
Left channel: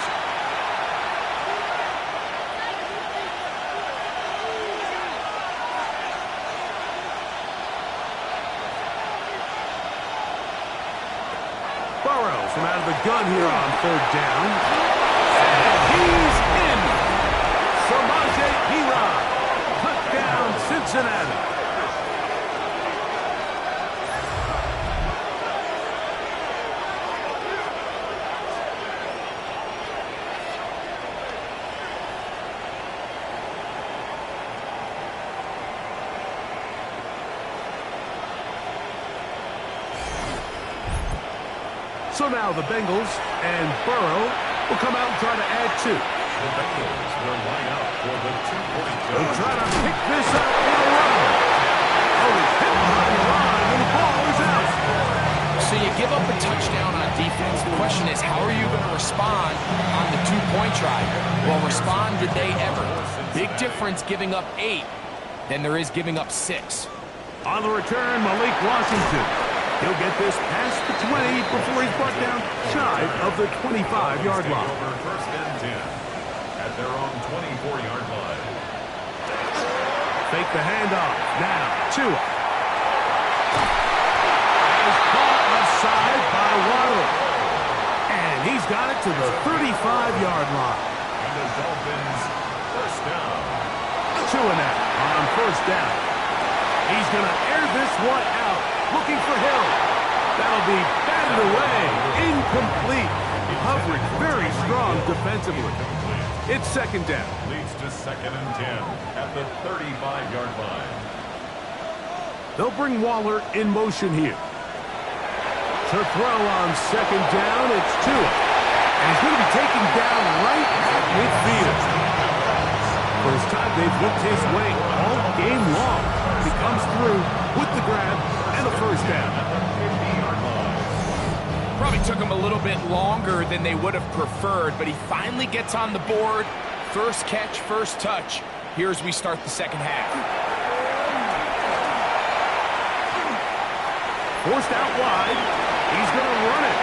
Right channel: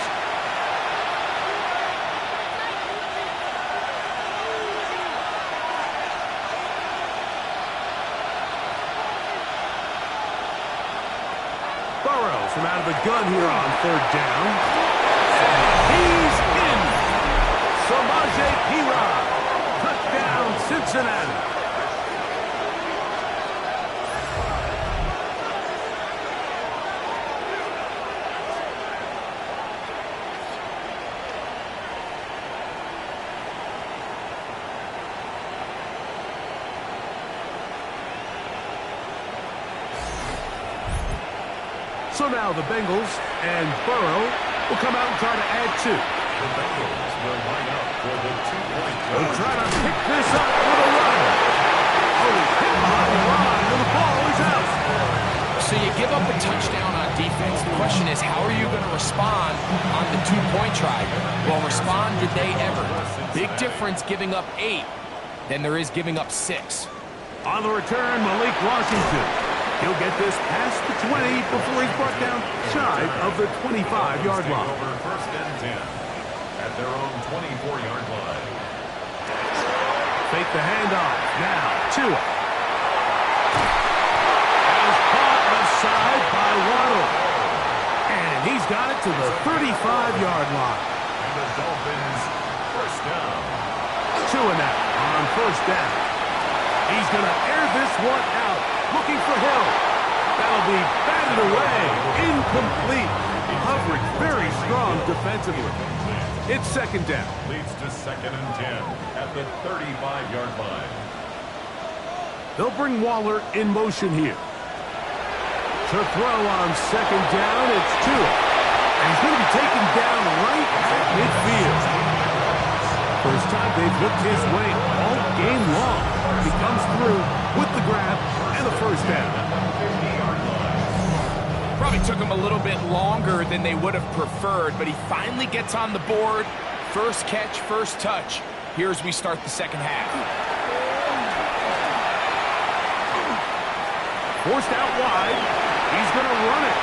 Burrow from out of the gun here on 3rd down. And he's in. Samaje Perine. Touchdown, Cincinnati. So now the Bengals and Burrow will come out and try to add 2. The Bengals will line up for the 2-point They'll try to pick this up with a run. Oh, he's hit behind the line, and the ball is out. So you give up a touchdown on defense. The question is, how are you going to respond on the 2-point try? Well, respond did they ever? Big difference giving up 8 than there is giving up 6. On the return, Malik Washington. He'll get this past the 20 before he's brought down shy of the 25-yard line. Over first and 10 at their own 24-yard line. Fake the handoff. Now, Tua. And is caught left side by Waddle. And he's got it to the 35-yard line. And the Dolphins first down. Tua now on first down. He's going to air this one out. Looking for Hill. That'll be batted away. Incomplete. Hovering very strong defensively. It's second down. Leads to second and 10 at the 35-yard line. They'll bring Waller in motion here. To throw on second down, it's Tua. And he's going to be taken down right at midfield. First time they've looked his way all game long. He comes through with the grab and a first down. At the 50-yard line. Probably took him a little bit longer than they would have preferred, but he finally gets on the board. First catch, first touch. Here as we start the second half. Forced out wide. He's going to run it.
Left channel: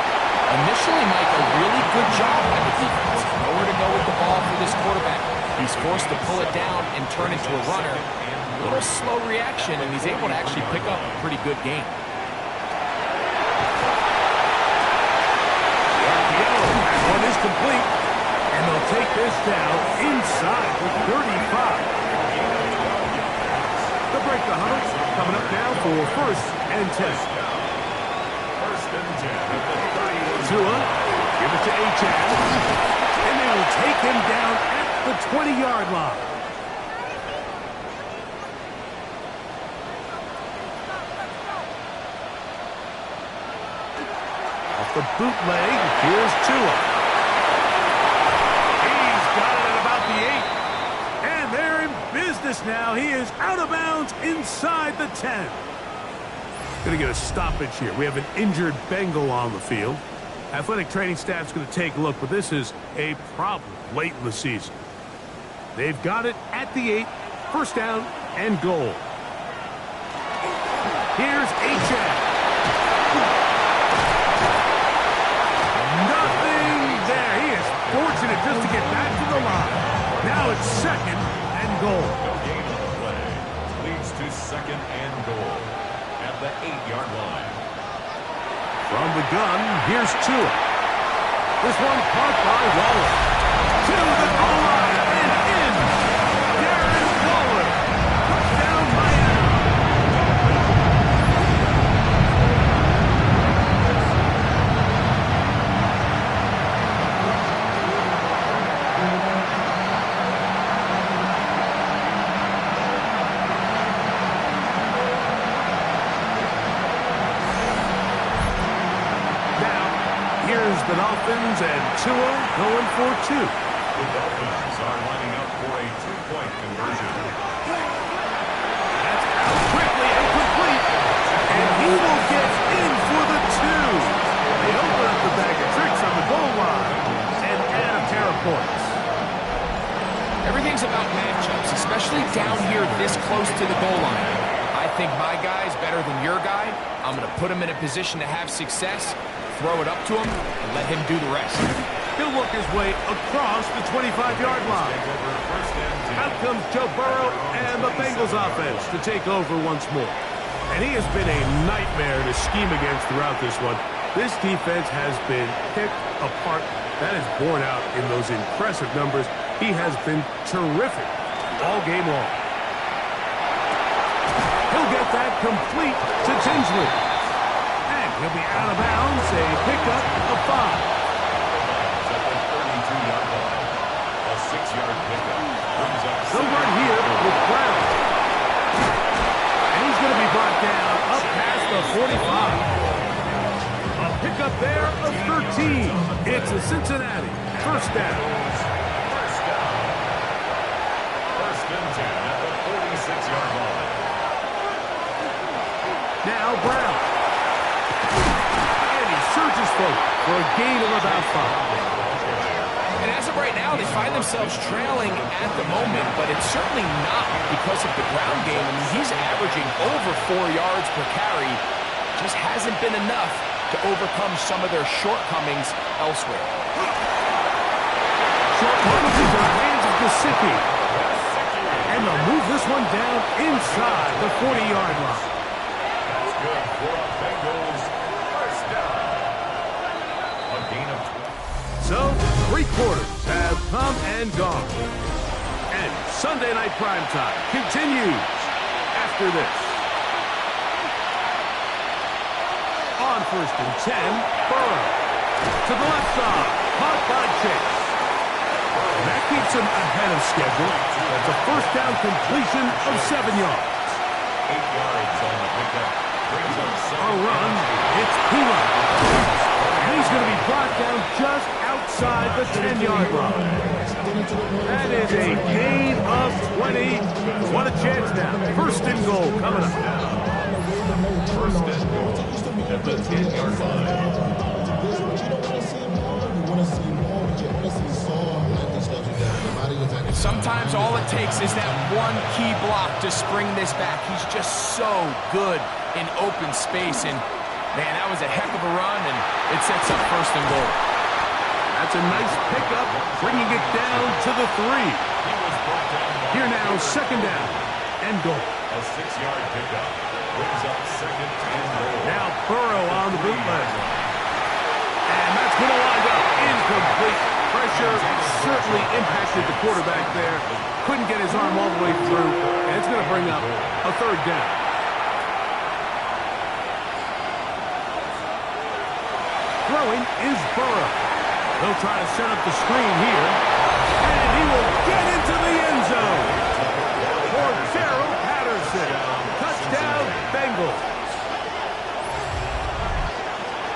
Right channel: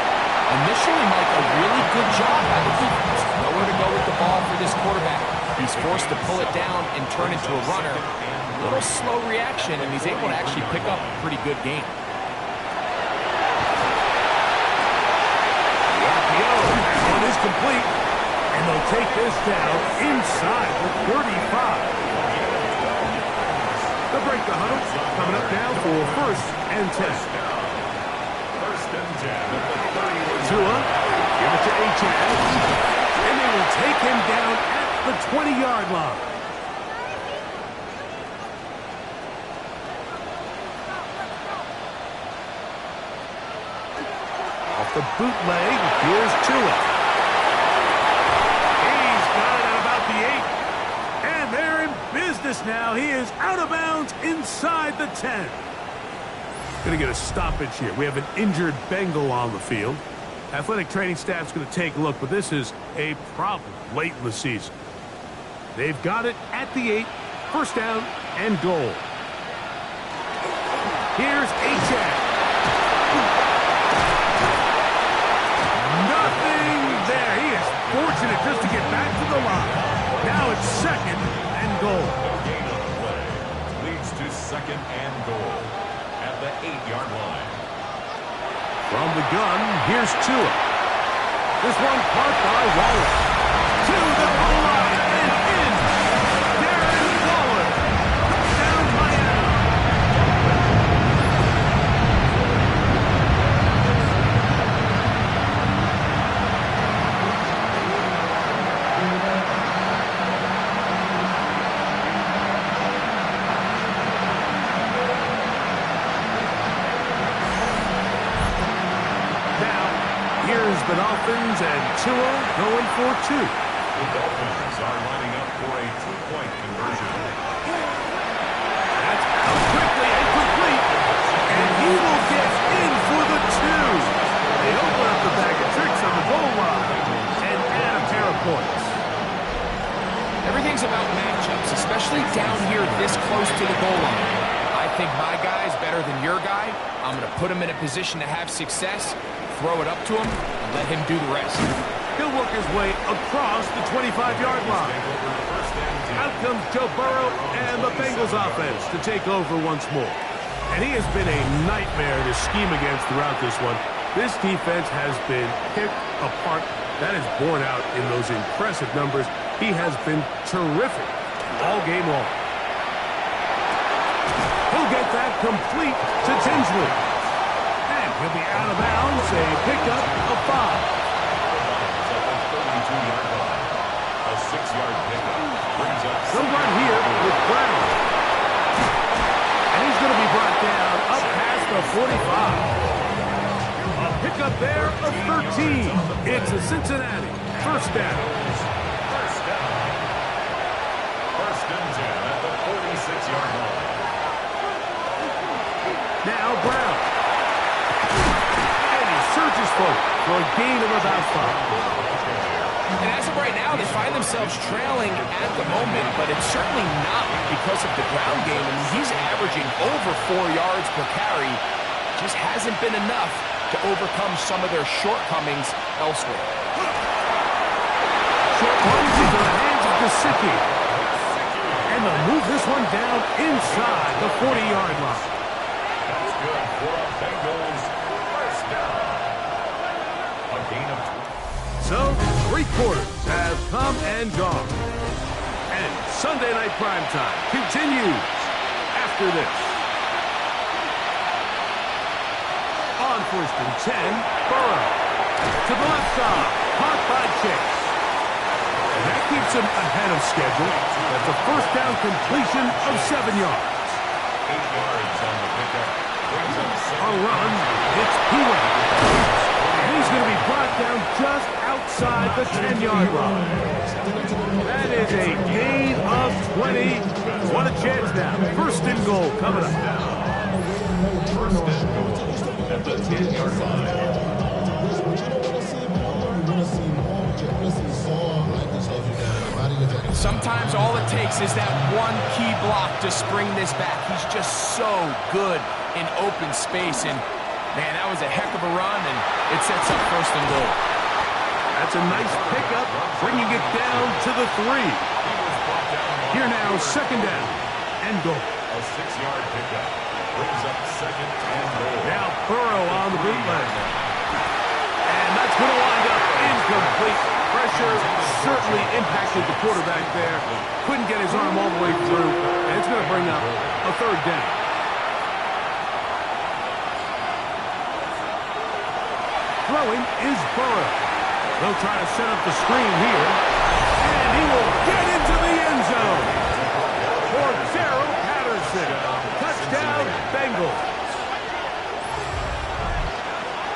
Initially, Mike, a really good job by the defense. Nowhere to go with the ball for this quarterback. He's forced to pull it down and turn into a runner. A little slow reaction, and he's able to actually pick up a pretty good game. The RPO, that one is complete. And they'll take this down inside the 35. They'll break the huddle. Coming up now for first and 10. First and 10 at the 31. Tua, give it to Achane. And they will take him down at the 20-yard line. Off the bootleg, here's Tua. He's got it at about the 8. And they're in business now. He is out of bounds inside the 10. Going to get a stoppage here. We have an injured Bengal on the field. Athletic training staff's going to take a look, but this is a problem late in the season. They've got it at the 8. First down and goal. Here's Achane. Nothing there. He is fortunate just to get back to the line. Now it's second and goal. No gain on the play. Leads to second and goal at the 8-yard line. From the gun, here's Tua. This one caught by Waller. To the goal line and in. Darren Waller. Touchdown Miami. Here's the Dolphins and Tua going for 2. The Dolphins are lining up for a 2-point conversion. That's out quickly and complete. And he will get in for the 2. They open up the bag of tricks on the goal line and add a pair of points. Everything's about matchups, especially down here this close to the goal line. I think my guy's better than your guy. I'm going to put him in a position to have success. Throw it up to him, and let him do the rest. He'll work his way across the 25-yard line. Out comes Joe Burrow and the Bengals offense to take over once more. And he has been a nightmare to scheme against throughout this one. This defense has been picked apart. That is borne out in those impressive numbers. He has been terrific all game long. He'll get that complete to Tinsley. He'll be out of bounds, a pickup of 5. At the 32-yard line. A 6-yard pickup brings up. They'll run here with Brown. And he's going to be brought down up past the 45. A pickup there of 13. It's a Cincinnati first down. First down. First and 10 at the 46-yard line. Now Brown. And he surges forward for a gain of about 5. And as of right now, they find themselves trailing at the moment, but it's certainly not because of the ground game. I mean, he's averaging over 4 yards per carry. Just hasn't been enough to overcome some of their shortcomings elsewhere. Short ones into the hands of Gesicki. And they'll move this one down inside the 40-yard line. That's good for a Bengals first down. A gain of 20. So, 3 quarters have come and gone. And Sunday Night Primetime continues after this. On first and 10, Burrow. To the left side, caught by Chase. And that keeps him ahead of schedule. That's a first down completion of 7 yards. 8 yards on the pickup. Brings up A run, it's P-Run. And he's going to be brought down just outside the 10-yard line. That is a gain of 20. What a chance now. First and goal coming up. First and goal at the 10-yard line. Sometimes all it takes is that one key block to spring this back. He's just so good in open space. And, man, that was a heck of a run, and it sets up first and goal. That's a nice pickup, bringing it down to the 3. Here now, second down and goal. A 6-yard pickup. Brings up second and goal. Now Burrow on the bootleg. And that's going to wind up incomplete. Pressure certainly impacted the quarterback there. Couldn't get his arm all the way through. And it's going to bring up a third down. Throwing is Burrow. They'll try to set up the screen here. And he will get into the end zone. For Gerald Patterson. Touchdown, Bengals.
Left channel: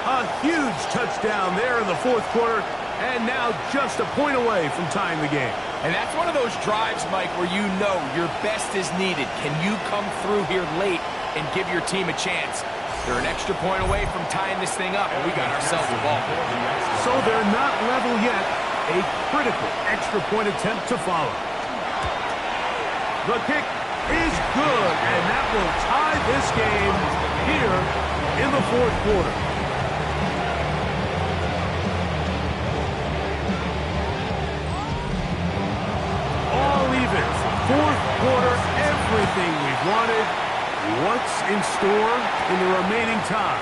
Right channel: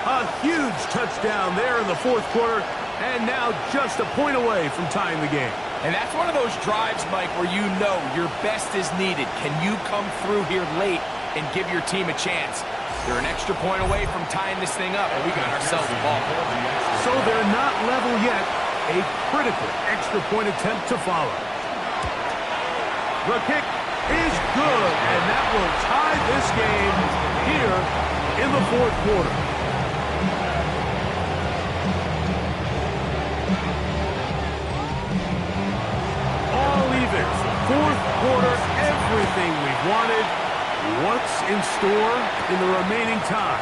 A huge touchdown there in the fourth quarter. And now just a point away from tying the game. And that's one of those drives, Mike, where you know your best is needed. Can you come through here late and give your team a chance? They're an extra point away from tying this thing up, and we got ourselves a ball. So they're not level yet. A critical extra point attempt to follow. The kick is good, and that will tie this game here in the fourth quarter. All even. Fourth quarter, everything we've wanted. What's in store in the remaining time?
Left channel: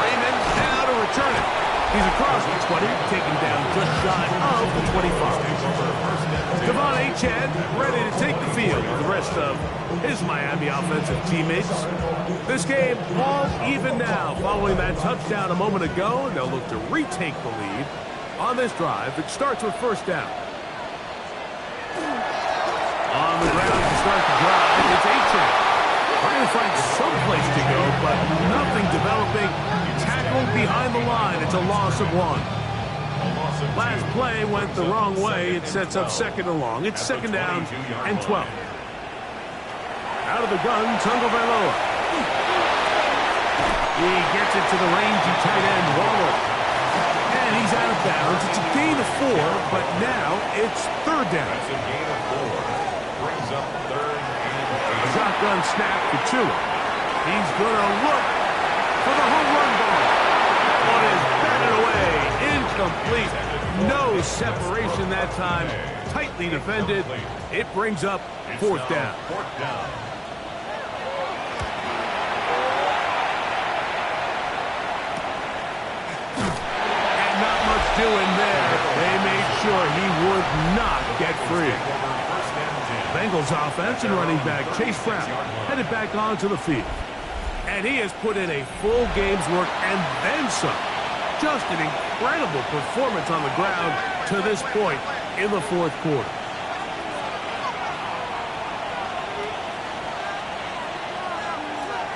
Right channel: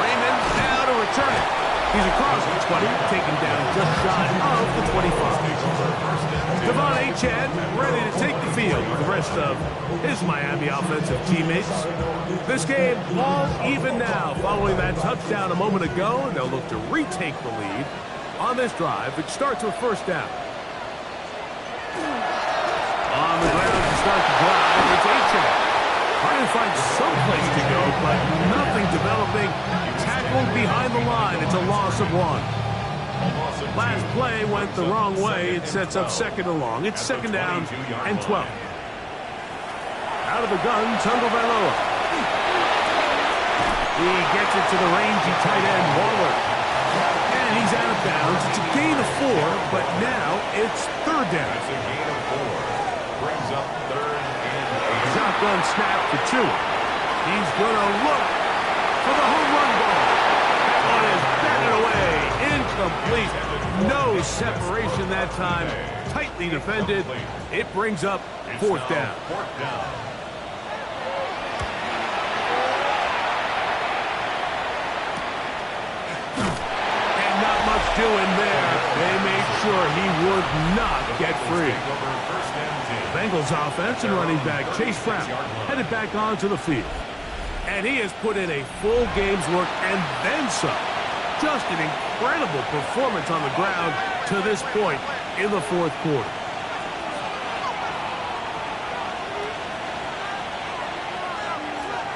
Raymond now to return it. He's across the 20, taken down just shy of the 25. Devon Achane ready to take the field with the rest of his Miami offensive teammates. This game all even now following that touchdown a moment ago, and they'll look to retake the lead on this drive. It starts with first down. On the ground to start the drive, it's Achane. Trying to find some place to go, but nothing developing. Tackled behind the line. It's a loss of 1. Last play went the wrong way. It sets up second and long. It's second down and 12. Out of the gun, Tagovailoa. He gets it to the rangy tight end, Waller. And he's out of bounds. It's a gain of 4, but now it's third down. That's a gain of 4. Brings up third and 8. Shotgun snap to Tua. He's going to look for the home run ball. That one is batted away. Incomplete. No separation that time. Tightly defended. It brings up fourth down. Fourth down. And not much doing there. They made sure he would not get free. Bengals offense and running back Chase Brown headed back onto the field. And he has put in a full game's work and then some. Just an incredible performance on the ground to this point in the fourth quarter.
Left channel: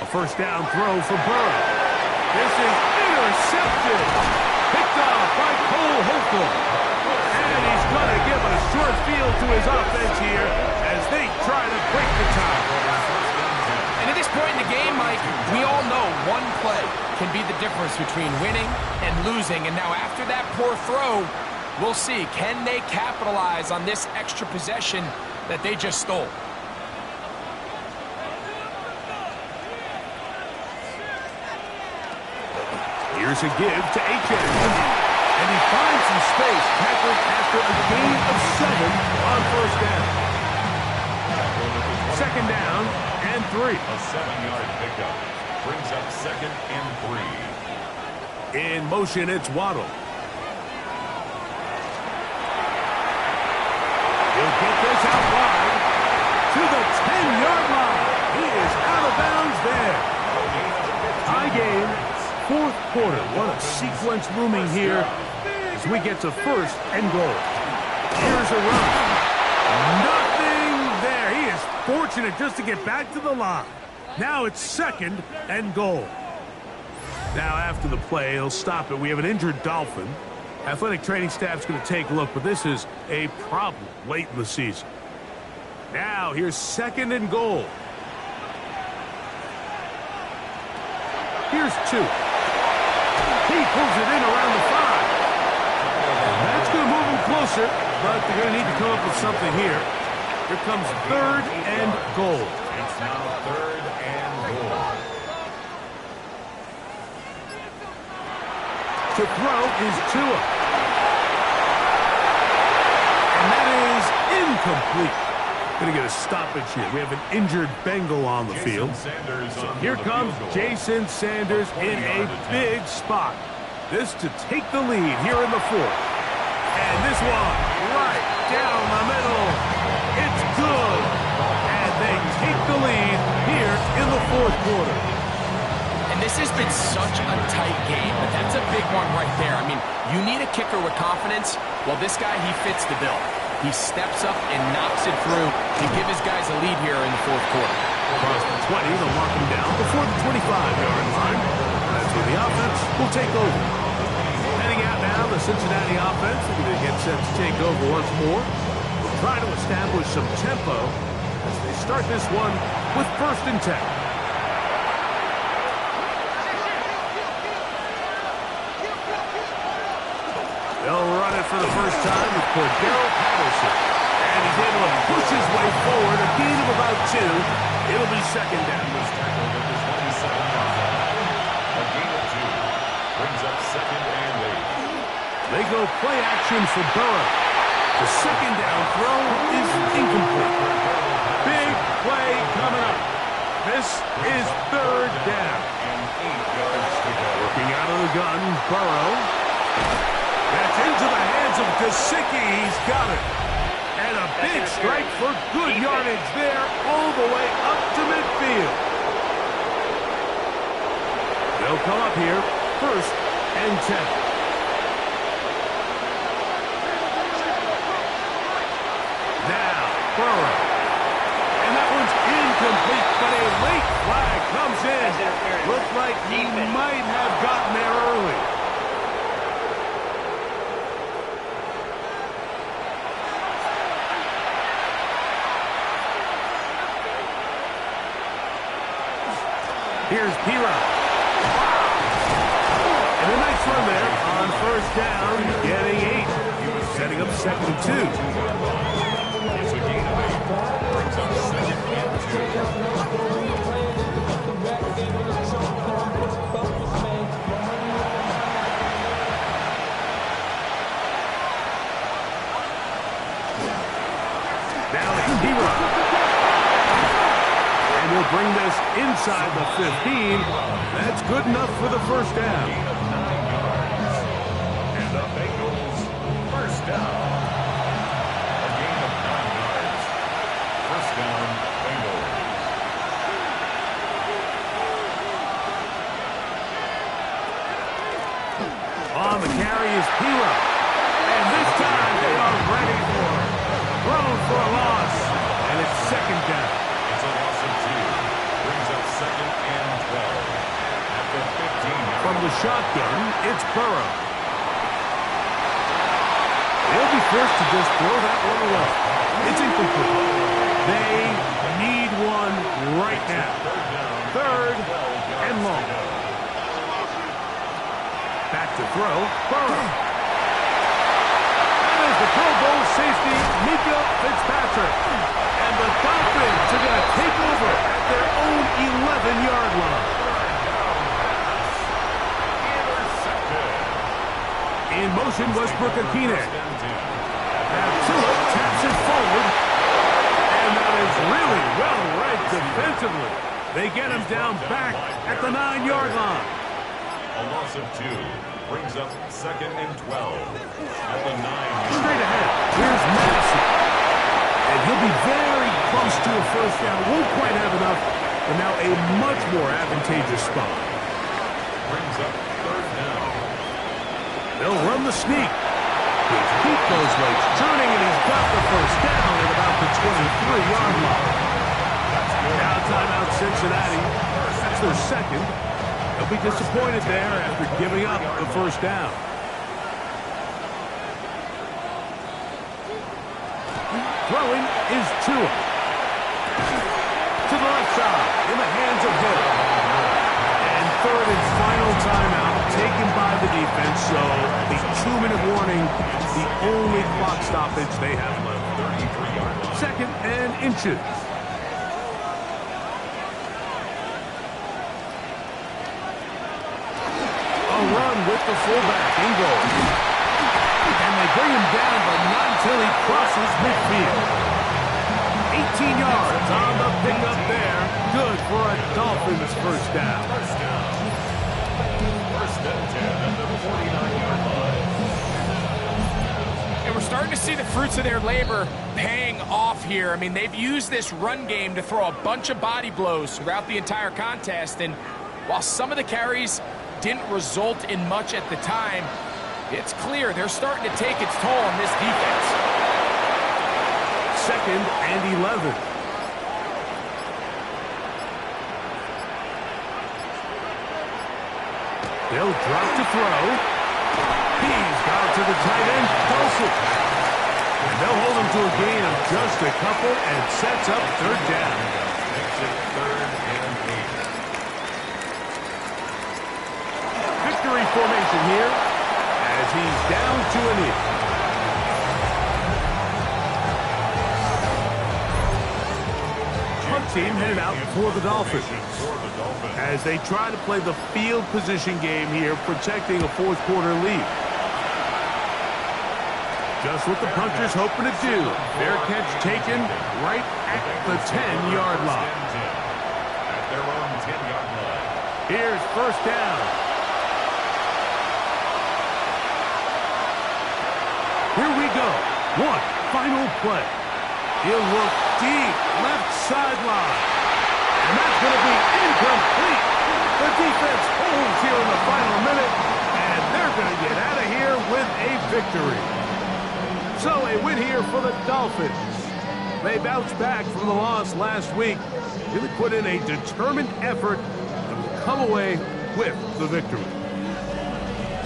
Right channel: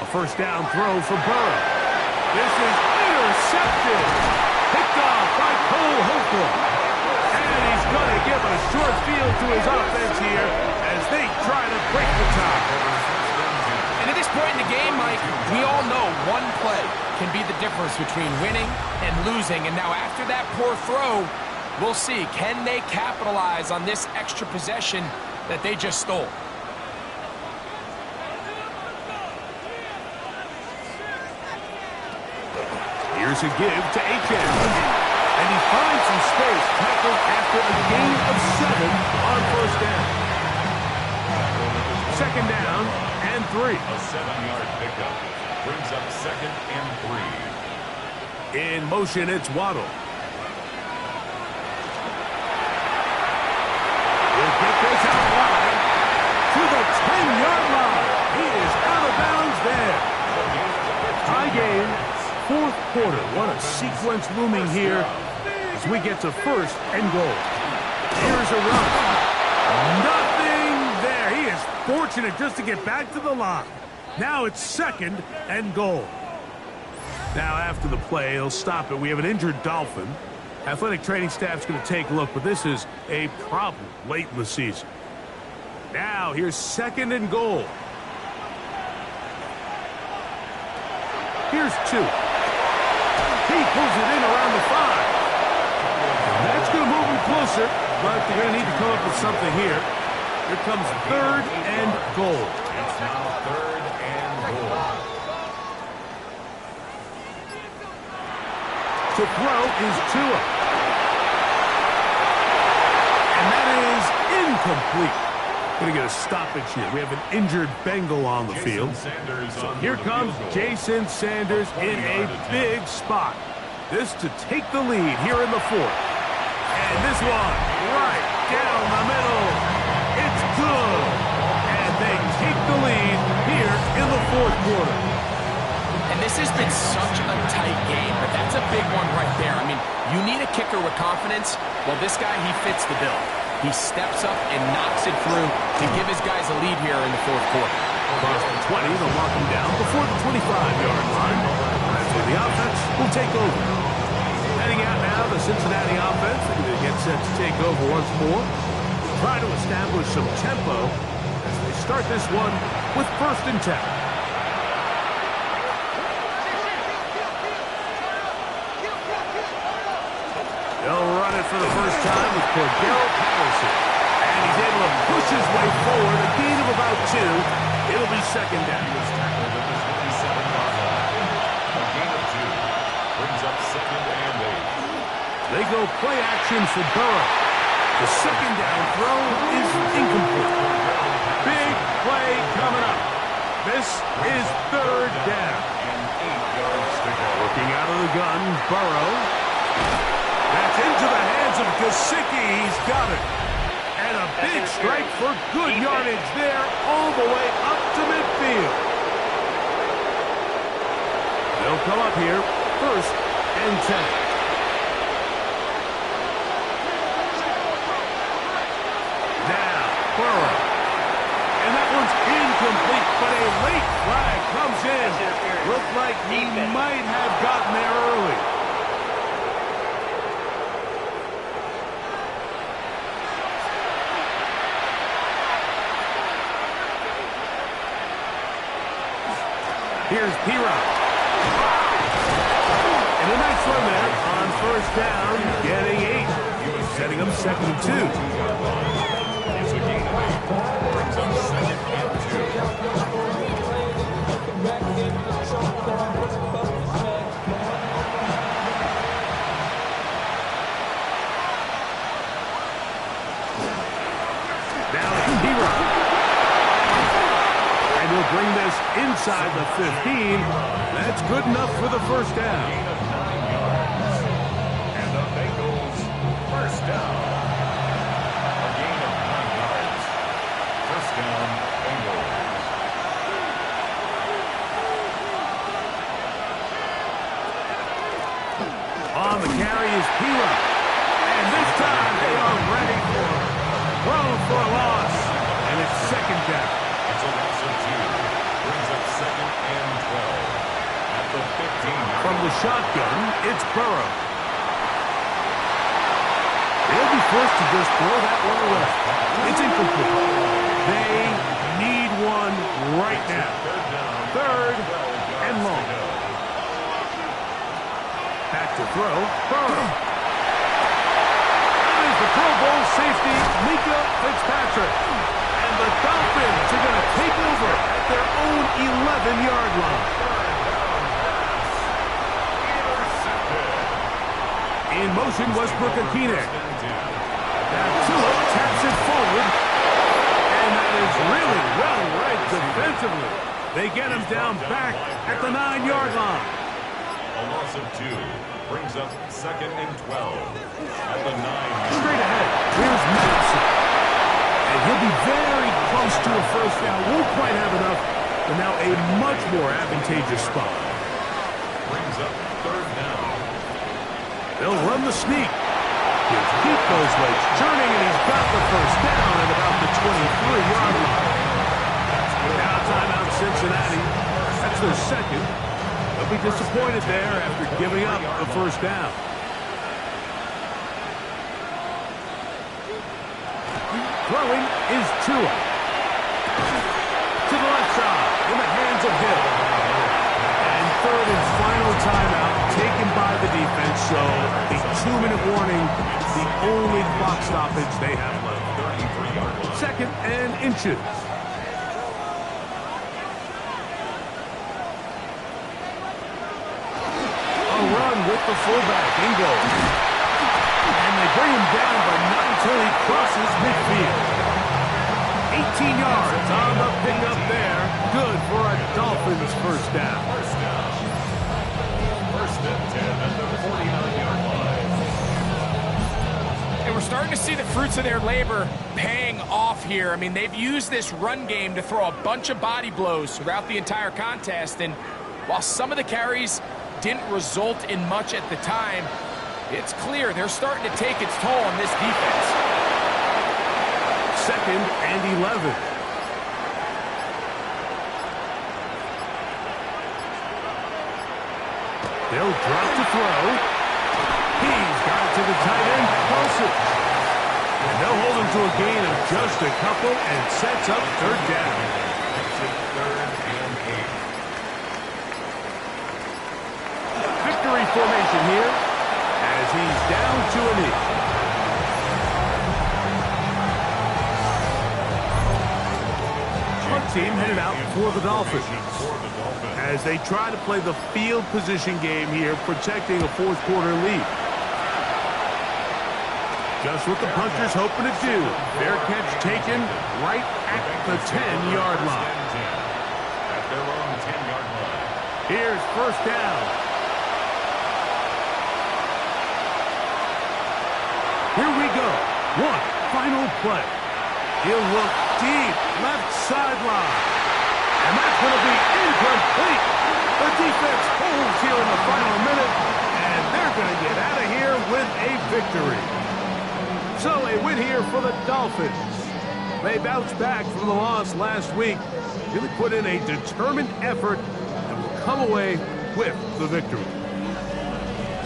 A first down throw for Burrow. This is intercepted. Picked off by Cole Holcomb. And he's going to give a short field to his offense here as they try to break the tie. And at this point in the game, Mike, we all know one play can be the difference between winning and losing. And now after that poor throw, we'll see, can they capitalize on this extra possession that they just stole? Here's a give to H.N. And he finds some space, tackled after a gain of 7 on first down. Second down and 3. A 7-yard pickup brings up 2nd and 3. In motion, it's Waddle. He'll get this out wide to the 10-yard line. He is out of bounds there. High gain, 4th quarter. What a sequence looming here as we get to 1st and goal. Here's a run. Nothing there. He is fortunate just to get back to the line. Now it's 2nd and goal. Now after the play, he'll stop it. We have an injured Dolphin. Athletic training staff's going to take a look, but this is a problem late in the season. Now here's 2nd and goal. Here's 2. He pulls it in around the 5. And that's going to move him closer, but they're going to need to come up with something here. Here comes 3rd and goal. It's now 3rd and goal. To throw is Tua. And that is incomplete. Going to get a stoppage here. We have an injured Bengal on the field. So here comes Jason Sanders in a big spot. This to take the lead here in the 4th. And this one right down the middle. It's good. And they take the lead here in the 4th quarter. And this has been such a tight game, but that's a big one right there. I mean, you need a kicker with confidence. Well, this guy, he fits the bill. He steps up and knocks it through to give his guys a lead here in the 4th quarter. Across the 20, they'll mark him down before the 25-yard line. That's where the offense will take over. Heading out now, the Cincinnati offense. They're going to get set to take over once more. They'll try to establish some tempo as they start this one with 1st and 10. They'll run it for the first time with Cordero Patterson. And he's able to push his way forward, a gain of about 2. It'll be 2nd down. He was tackled at the 27-yard line. A gain of 2 brings up 2nd and 8. They go play action for Burrow. The 2nd down throw is incomplete. Big play coming up. This is 3rd down. And 8 yards to go. Working out of the gun, Burrow. That's into the hands of Gesicki. He's got it. And a big strike for good yardage there all the way up to midfield. They'll come up here 1st and 10. Now, Burrow. And that one's incomplete, but a late flag comes in. Looks like he might have gotten there early. Here's P-Rock. And a nice run there on 1st down, getting 8. Setting up 2nd and 2. It's a gain of 8. Brings up 2nd and 2. Now it's P-Rock. And he'll bring this inside the 15. That's good enough for the 1st down. Gain of 9 yards. And the Bengals 1st down. A gain of 9 yards. 1st down, Bengals. On the carry is P-Rock. And this time they are ready for it. Thrown for a loss. And it's 2nd down. It's a loss of 2. Brings up 2nd and 12. At at the 15-yard. From the shotgun, it's Burrow. They'll be forced to just throw that one away. It's incomplete. They need one right now. Third and long. Back to throw. Burrow. That is the Pro Bowl safety, Mika Fitzpatrick. And the Dolphins are going to take over at their own 11-yard line. In motion, Westbrook-Akine. Now Tua taps it forward. And that is really well read defensively. They get him down back at the 9-yard line. A loss of 2 brings up 2nd and 12 at the 9. Straight ahead, here's Madison. And he'll be very close to a first down. Won't quite have enough, but now a much more advantageous spot. Brings up 3rd down. They'll run the sneak. He'll keep those legs churning, and he's got the first down at about the 23-yard line. Now timeout Cincinnati. That's their second. They'll be disappointed there after giving up the first down. Throwing is Tua. To the left side, in the hands of Hill. And third and final timeout taken by the defense, so the 2-minute warning, the only clock stoppage they have left. 33-yard line. 2nd and inches. A run with the fullback in goal. And they bring him down, but not until he crosses midfield. 18 yards on the pickup there. Good for a Dolphins first down. First down. 1st and 10 at the 49-yard line. And we're starting to see the fruits of their labor paying off here. I mean, they've used this run game to throw a bunch of body blows throughout the entire contest. And while some of the carries didn't result in much at the time, it's clear they're starting to take its toll on this defense. 2nd and 11. They'll drop to throw. He's got it to the tight end, Dulcich. And they'll hold him to a gain of just a couple and sets up 3rd down. Makes it 3rd and 8. Victory formation here as he's down to a knee. Punt team headed out for the Dolphins as they try to play the field position game here, protecting a 4th quarter lead. Just what the punter's hoping to do. Fair catch taken right at the 10-yard line. At their own 10-yard line. Here's first down. Here we go. One final play. He'll look deep left sideline. And that's going to be incomplete. The defense holds here in the final minute, and they're going to get out of here with a victory. So a win here for the Dolphins. They bounced back from the loss last week. Really put in a determined effort and will come away with the victory.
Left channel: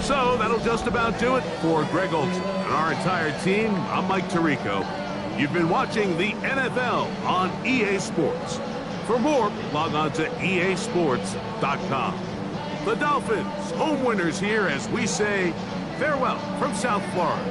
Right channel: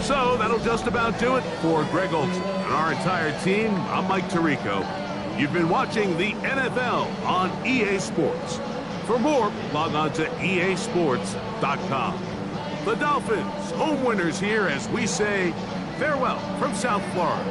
So that'll just about do it for Greg Olson and our entire team. I'm Mike Tirico. You've been watching the NFL on EA Sports. For more, log on to easports.com. The Dolphins, home winners here as we say farewell from South Florida.